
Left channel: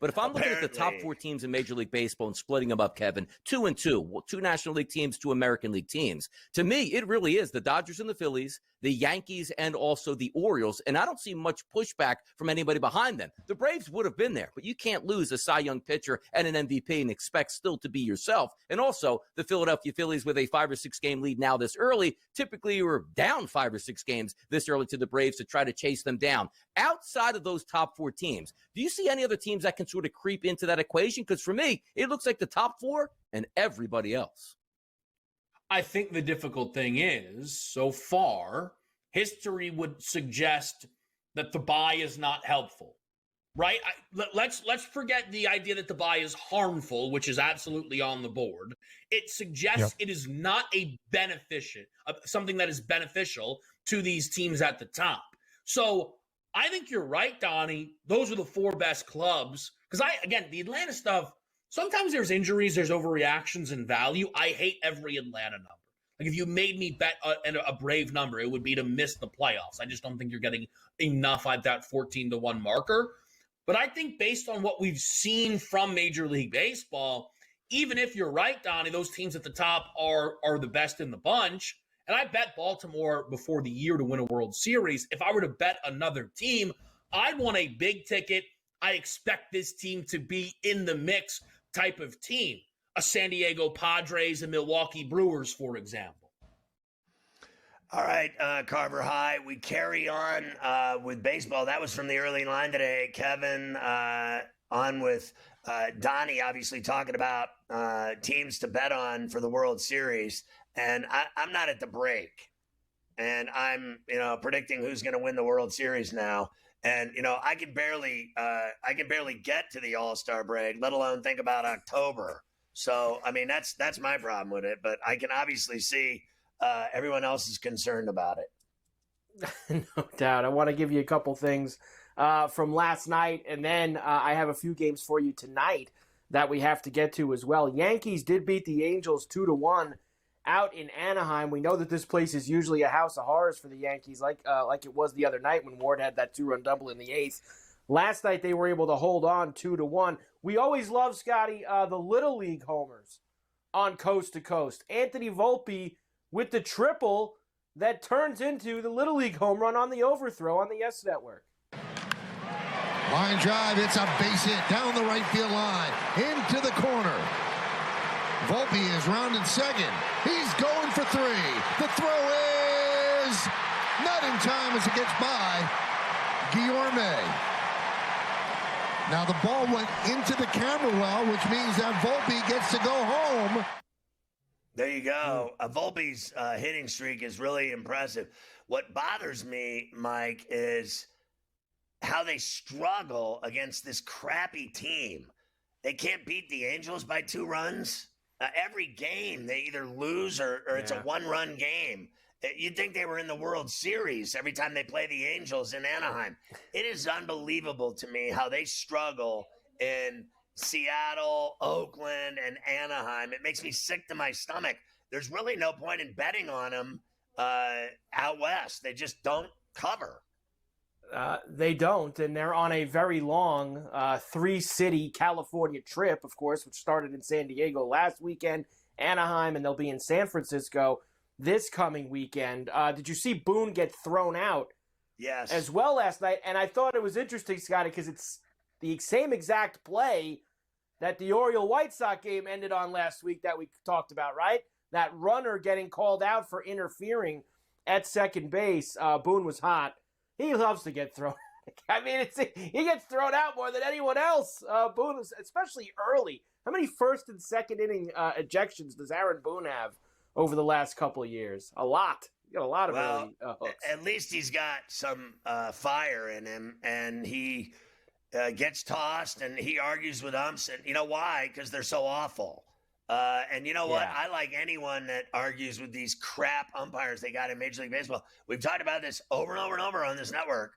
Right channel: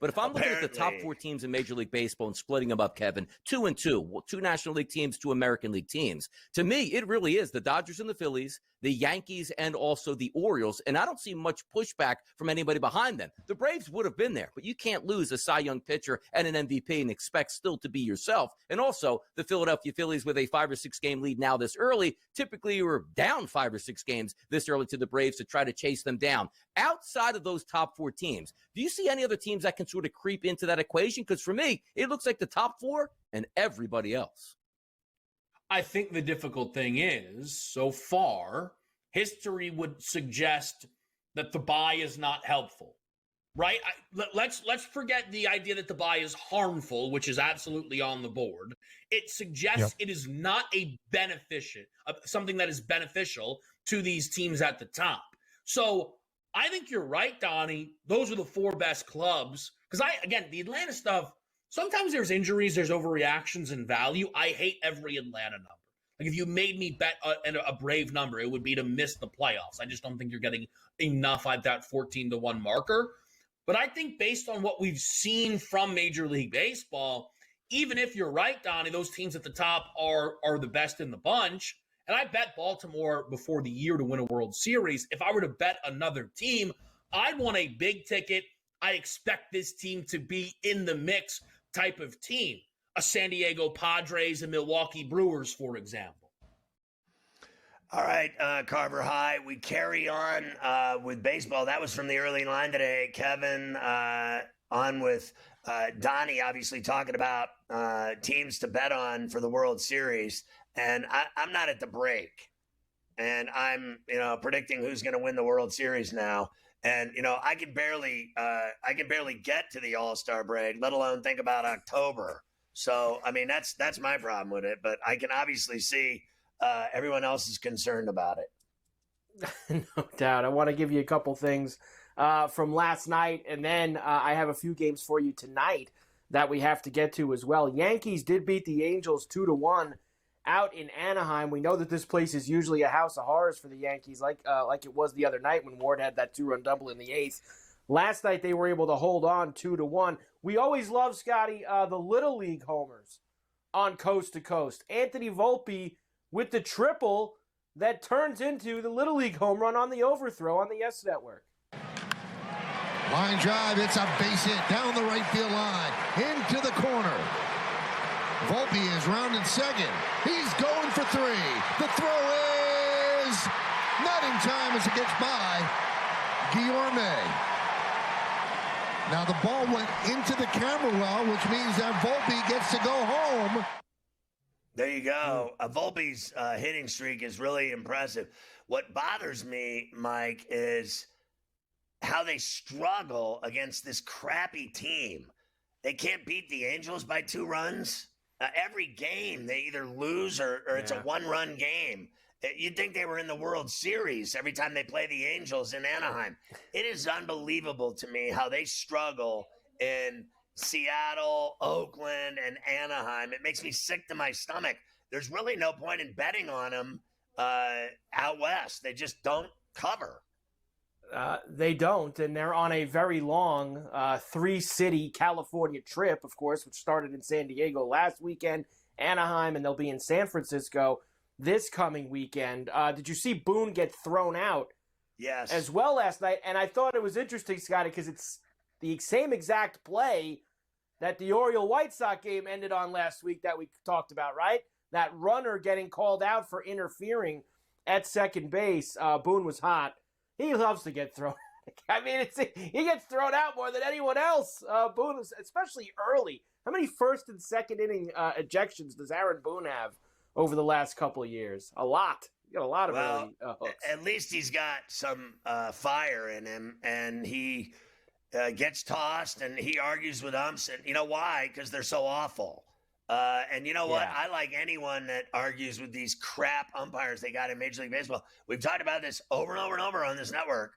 But if I'm looking at the top 4 teams in Major League Baseball and splitting them up, Kevin, 2 and 2, 2 National League teams, 2 American League teams, to me, it really is the Dodgers and the Phillies, the Yankees, and also the Orioles. And I don't see much pushback from anybody behind them. The Braves would have been there, but you can't lose a Cy Young pitcher and an MVP and expect still to be yourself. And also the Philadelphia Phillies with a 5 or 6 game lead now this early. Typically, you were down 5 or 6 games this early to the Braves to try to chase them down. Outside of those top 4 teams, do you see any other teams that can sort of creep into that equation? Because for me, it looks like the top 4 and everybody else. I think the difficult thing is, so far, history would suggest that the bye is not helpful, right? Let's forget the idea that the bye is harmful, which is absolutely on the board. It suggests it is not something that is beneficial to these teams at the top. So I think you're right, Donnie. Those are the 4 best clubs. Because the Atlanta stuff, sometimes there's injuries, there's overreactions and value. I hate every Atlanta number. Like if you made me bet a Brave number, it would be to miss the playoffs. I just don't think you're getting enough at that 14-1 marker. But I think based on what we've seen from Major League Baseball, even if you're right, Donnie, those teams at the top are the best in the bunch. And I bet Baltimore before the year to win a World Series. If I were to bet another team, I'd want a big ticket. I expect this team to be in the mix type of team. A San Diego Padres and Milwaukee Brewers, for example. All right, Carver High. We carry on with baseball. That was from the early line today. Kevin on with Donnie, obviously talking about teams to bet on for the World Series. And I'm not at the break. And I'm, predicting who's going to win the World Series now. And, I can barely get to the All-Star break, let alone think about October. So, I mean, that's my problem with it. But I can obviously see everyone else is concerned about it. No doubt. I want to give you a couple things from last night, and then I have a few games for you tonight that we have to get to as well. Yankees did beat the Angels 2-1 out in Anaheim. We know that this place is usually a house of horrors for the Yankees, like it was the other night when Ward had that 2-run double in the 8th. Last night they were able to hold on 2-1. We always love, Scotty, the Little League homers on Coast to Coast. Anthony Volpe with the triple that turns into the Little League home run on the overthrow on the Yes Network. Line drive, it's a base hit down the right field line, into the corner. Volpe is rounding second. He's going for 3. The throw is not in time as it gets by Guillorme. Now the ball went into the camera well, which means that Volpe gets to go home. There you go. Volpe's hitting streak is really impressive. What bothers me, Mike, is how they struggle against this crappy team. They can't beat the Angels by 2 runs. Every game they either lose or it's a 1-run game. You'd think they were in the World Series every time they play the Angels in Anaheim. It is unbelievable to me how they struggle in Seattle, Oakland, and Anaheim. It makes me sick to my stomach. There's really no point in betting on them out west. They just don't cover. They don't, and they're on a very long 3-city California trip, of course, which started in San Diego last weekend, Anaheim, and they'll be in San Francisco this coming weekend. Did you see Boone get thrown out? Yes. As well last night, and I thought it was interesting, Scotty, because it's the same exact play that the Oriole-White Sox game ended on last week that we talked about, right? That runner getting called out for interfering at second base. Boone was hot. He loves to get thrown. I mean, he gets thrown out more than anyone else. Boone, especially early. How many first and second inning ejections does Aaron Boone have over the last couple of years? A lot. You got a lot of early hooks. At least he's got some fire in him, and he gets tossed, and he argues with umps. And you know why? Because they're so awful. And you know what? I like anyone that argues with these crap umpires they got in Major League Baseball. We've talked about this over and over and over on this network.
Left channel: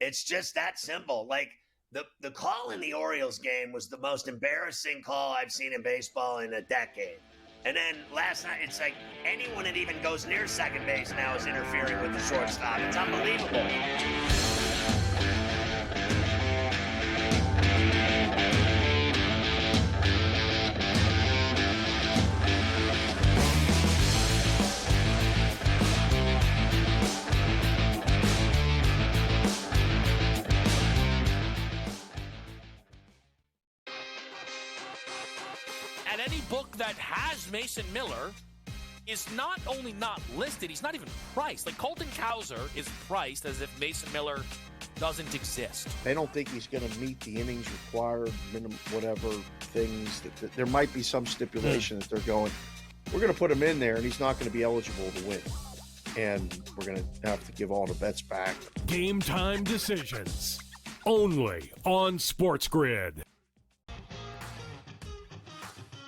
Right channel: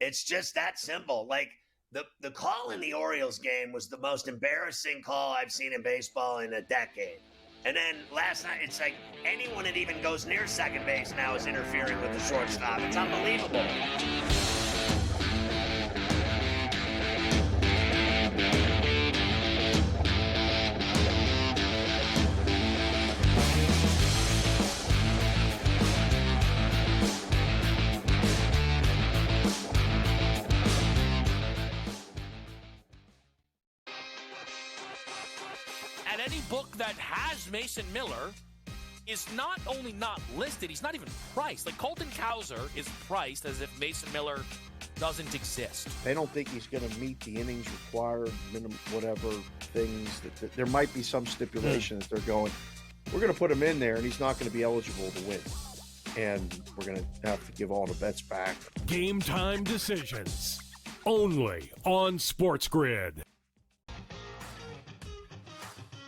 It's just that simple. Like the call in the Orioles game was the most embarrassing call I've seen in baseball in a decade. And then last night, it's like anyone that even goes near second base now is interfering with the shortstop. It's unbelievable. Book that has Mason Miller is not only not listed, he's not even priced. Like Colton Cowser is priced as if Mason Miller doesn't exist. They don't think he's going to meet the innings required, minimum, whatever things. That there might be some stipulation that they're going, we're going to put him in there and he's not going to be eligible to win. And we're going to have to give all the bets back. Game time decisions. Only on SportsGrid.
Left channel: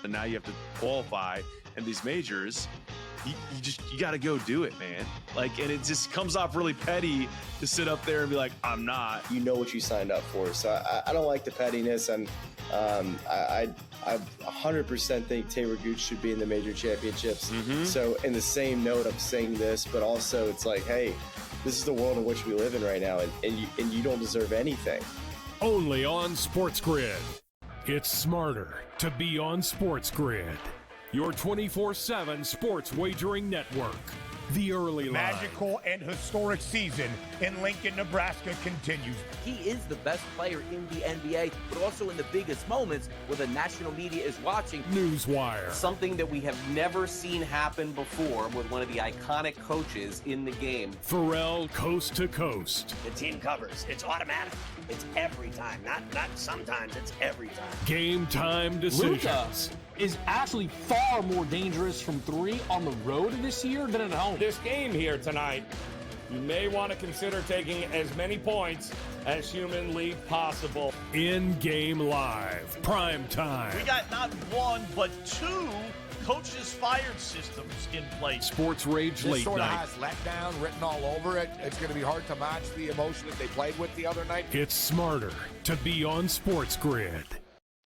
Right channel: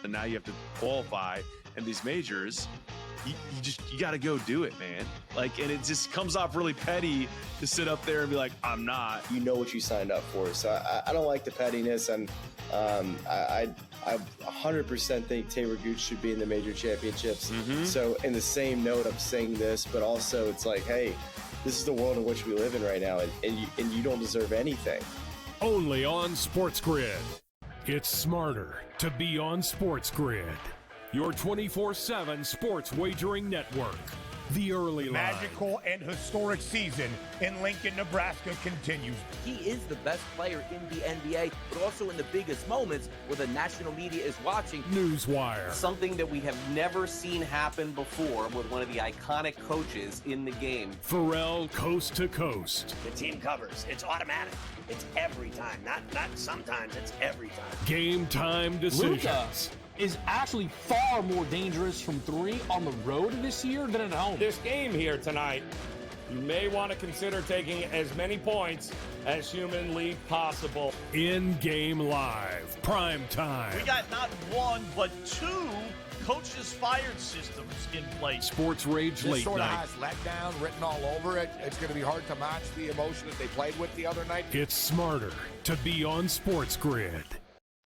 And now you have to qualify, and these majors, you got to go do it, man. Like, and it just comes off really petty to sit up there and be like, I'm not. You know what you signed up for, so I don't like the pettiness, and I 100% think Taylor Gooch should be in the major championships. So in the same note, I'm saying this, but also it's like, hey, this is the world in which we live in right now, and you don't deserve anything. Only on SportsGrid. It's smarter to be on SportsGrid, your 24/7 sports wagering network. The early line. Magical and historic season in Lincoln, Nebraska continues. He is the best player in the NBA, but also in the biggest moments where the national media is watching. Newswire. Something that we have never seen happen before with one of the iconic coaches in the game. Ferrall, Coast to Coast. The team covers. It's automatic. It's every time. Not sometimes. It's every time. Game time decisions. Luka is actually far more dangerous from 3 on the road this year than at home. This game here tonight, you may want to consider taking as many points as humanly possible. In-game live, prime time. We got not 1, but 2 coaches fired systems in place. Sports Rage This Late sort of Night. has letdown written all over it. It's going to be hard to match the emotion that they played with the other night. It's smarter to be on Sports Grid.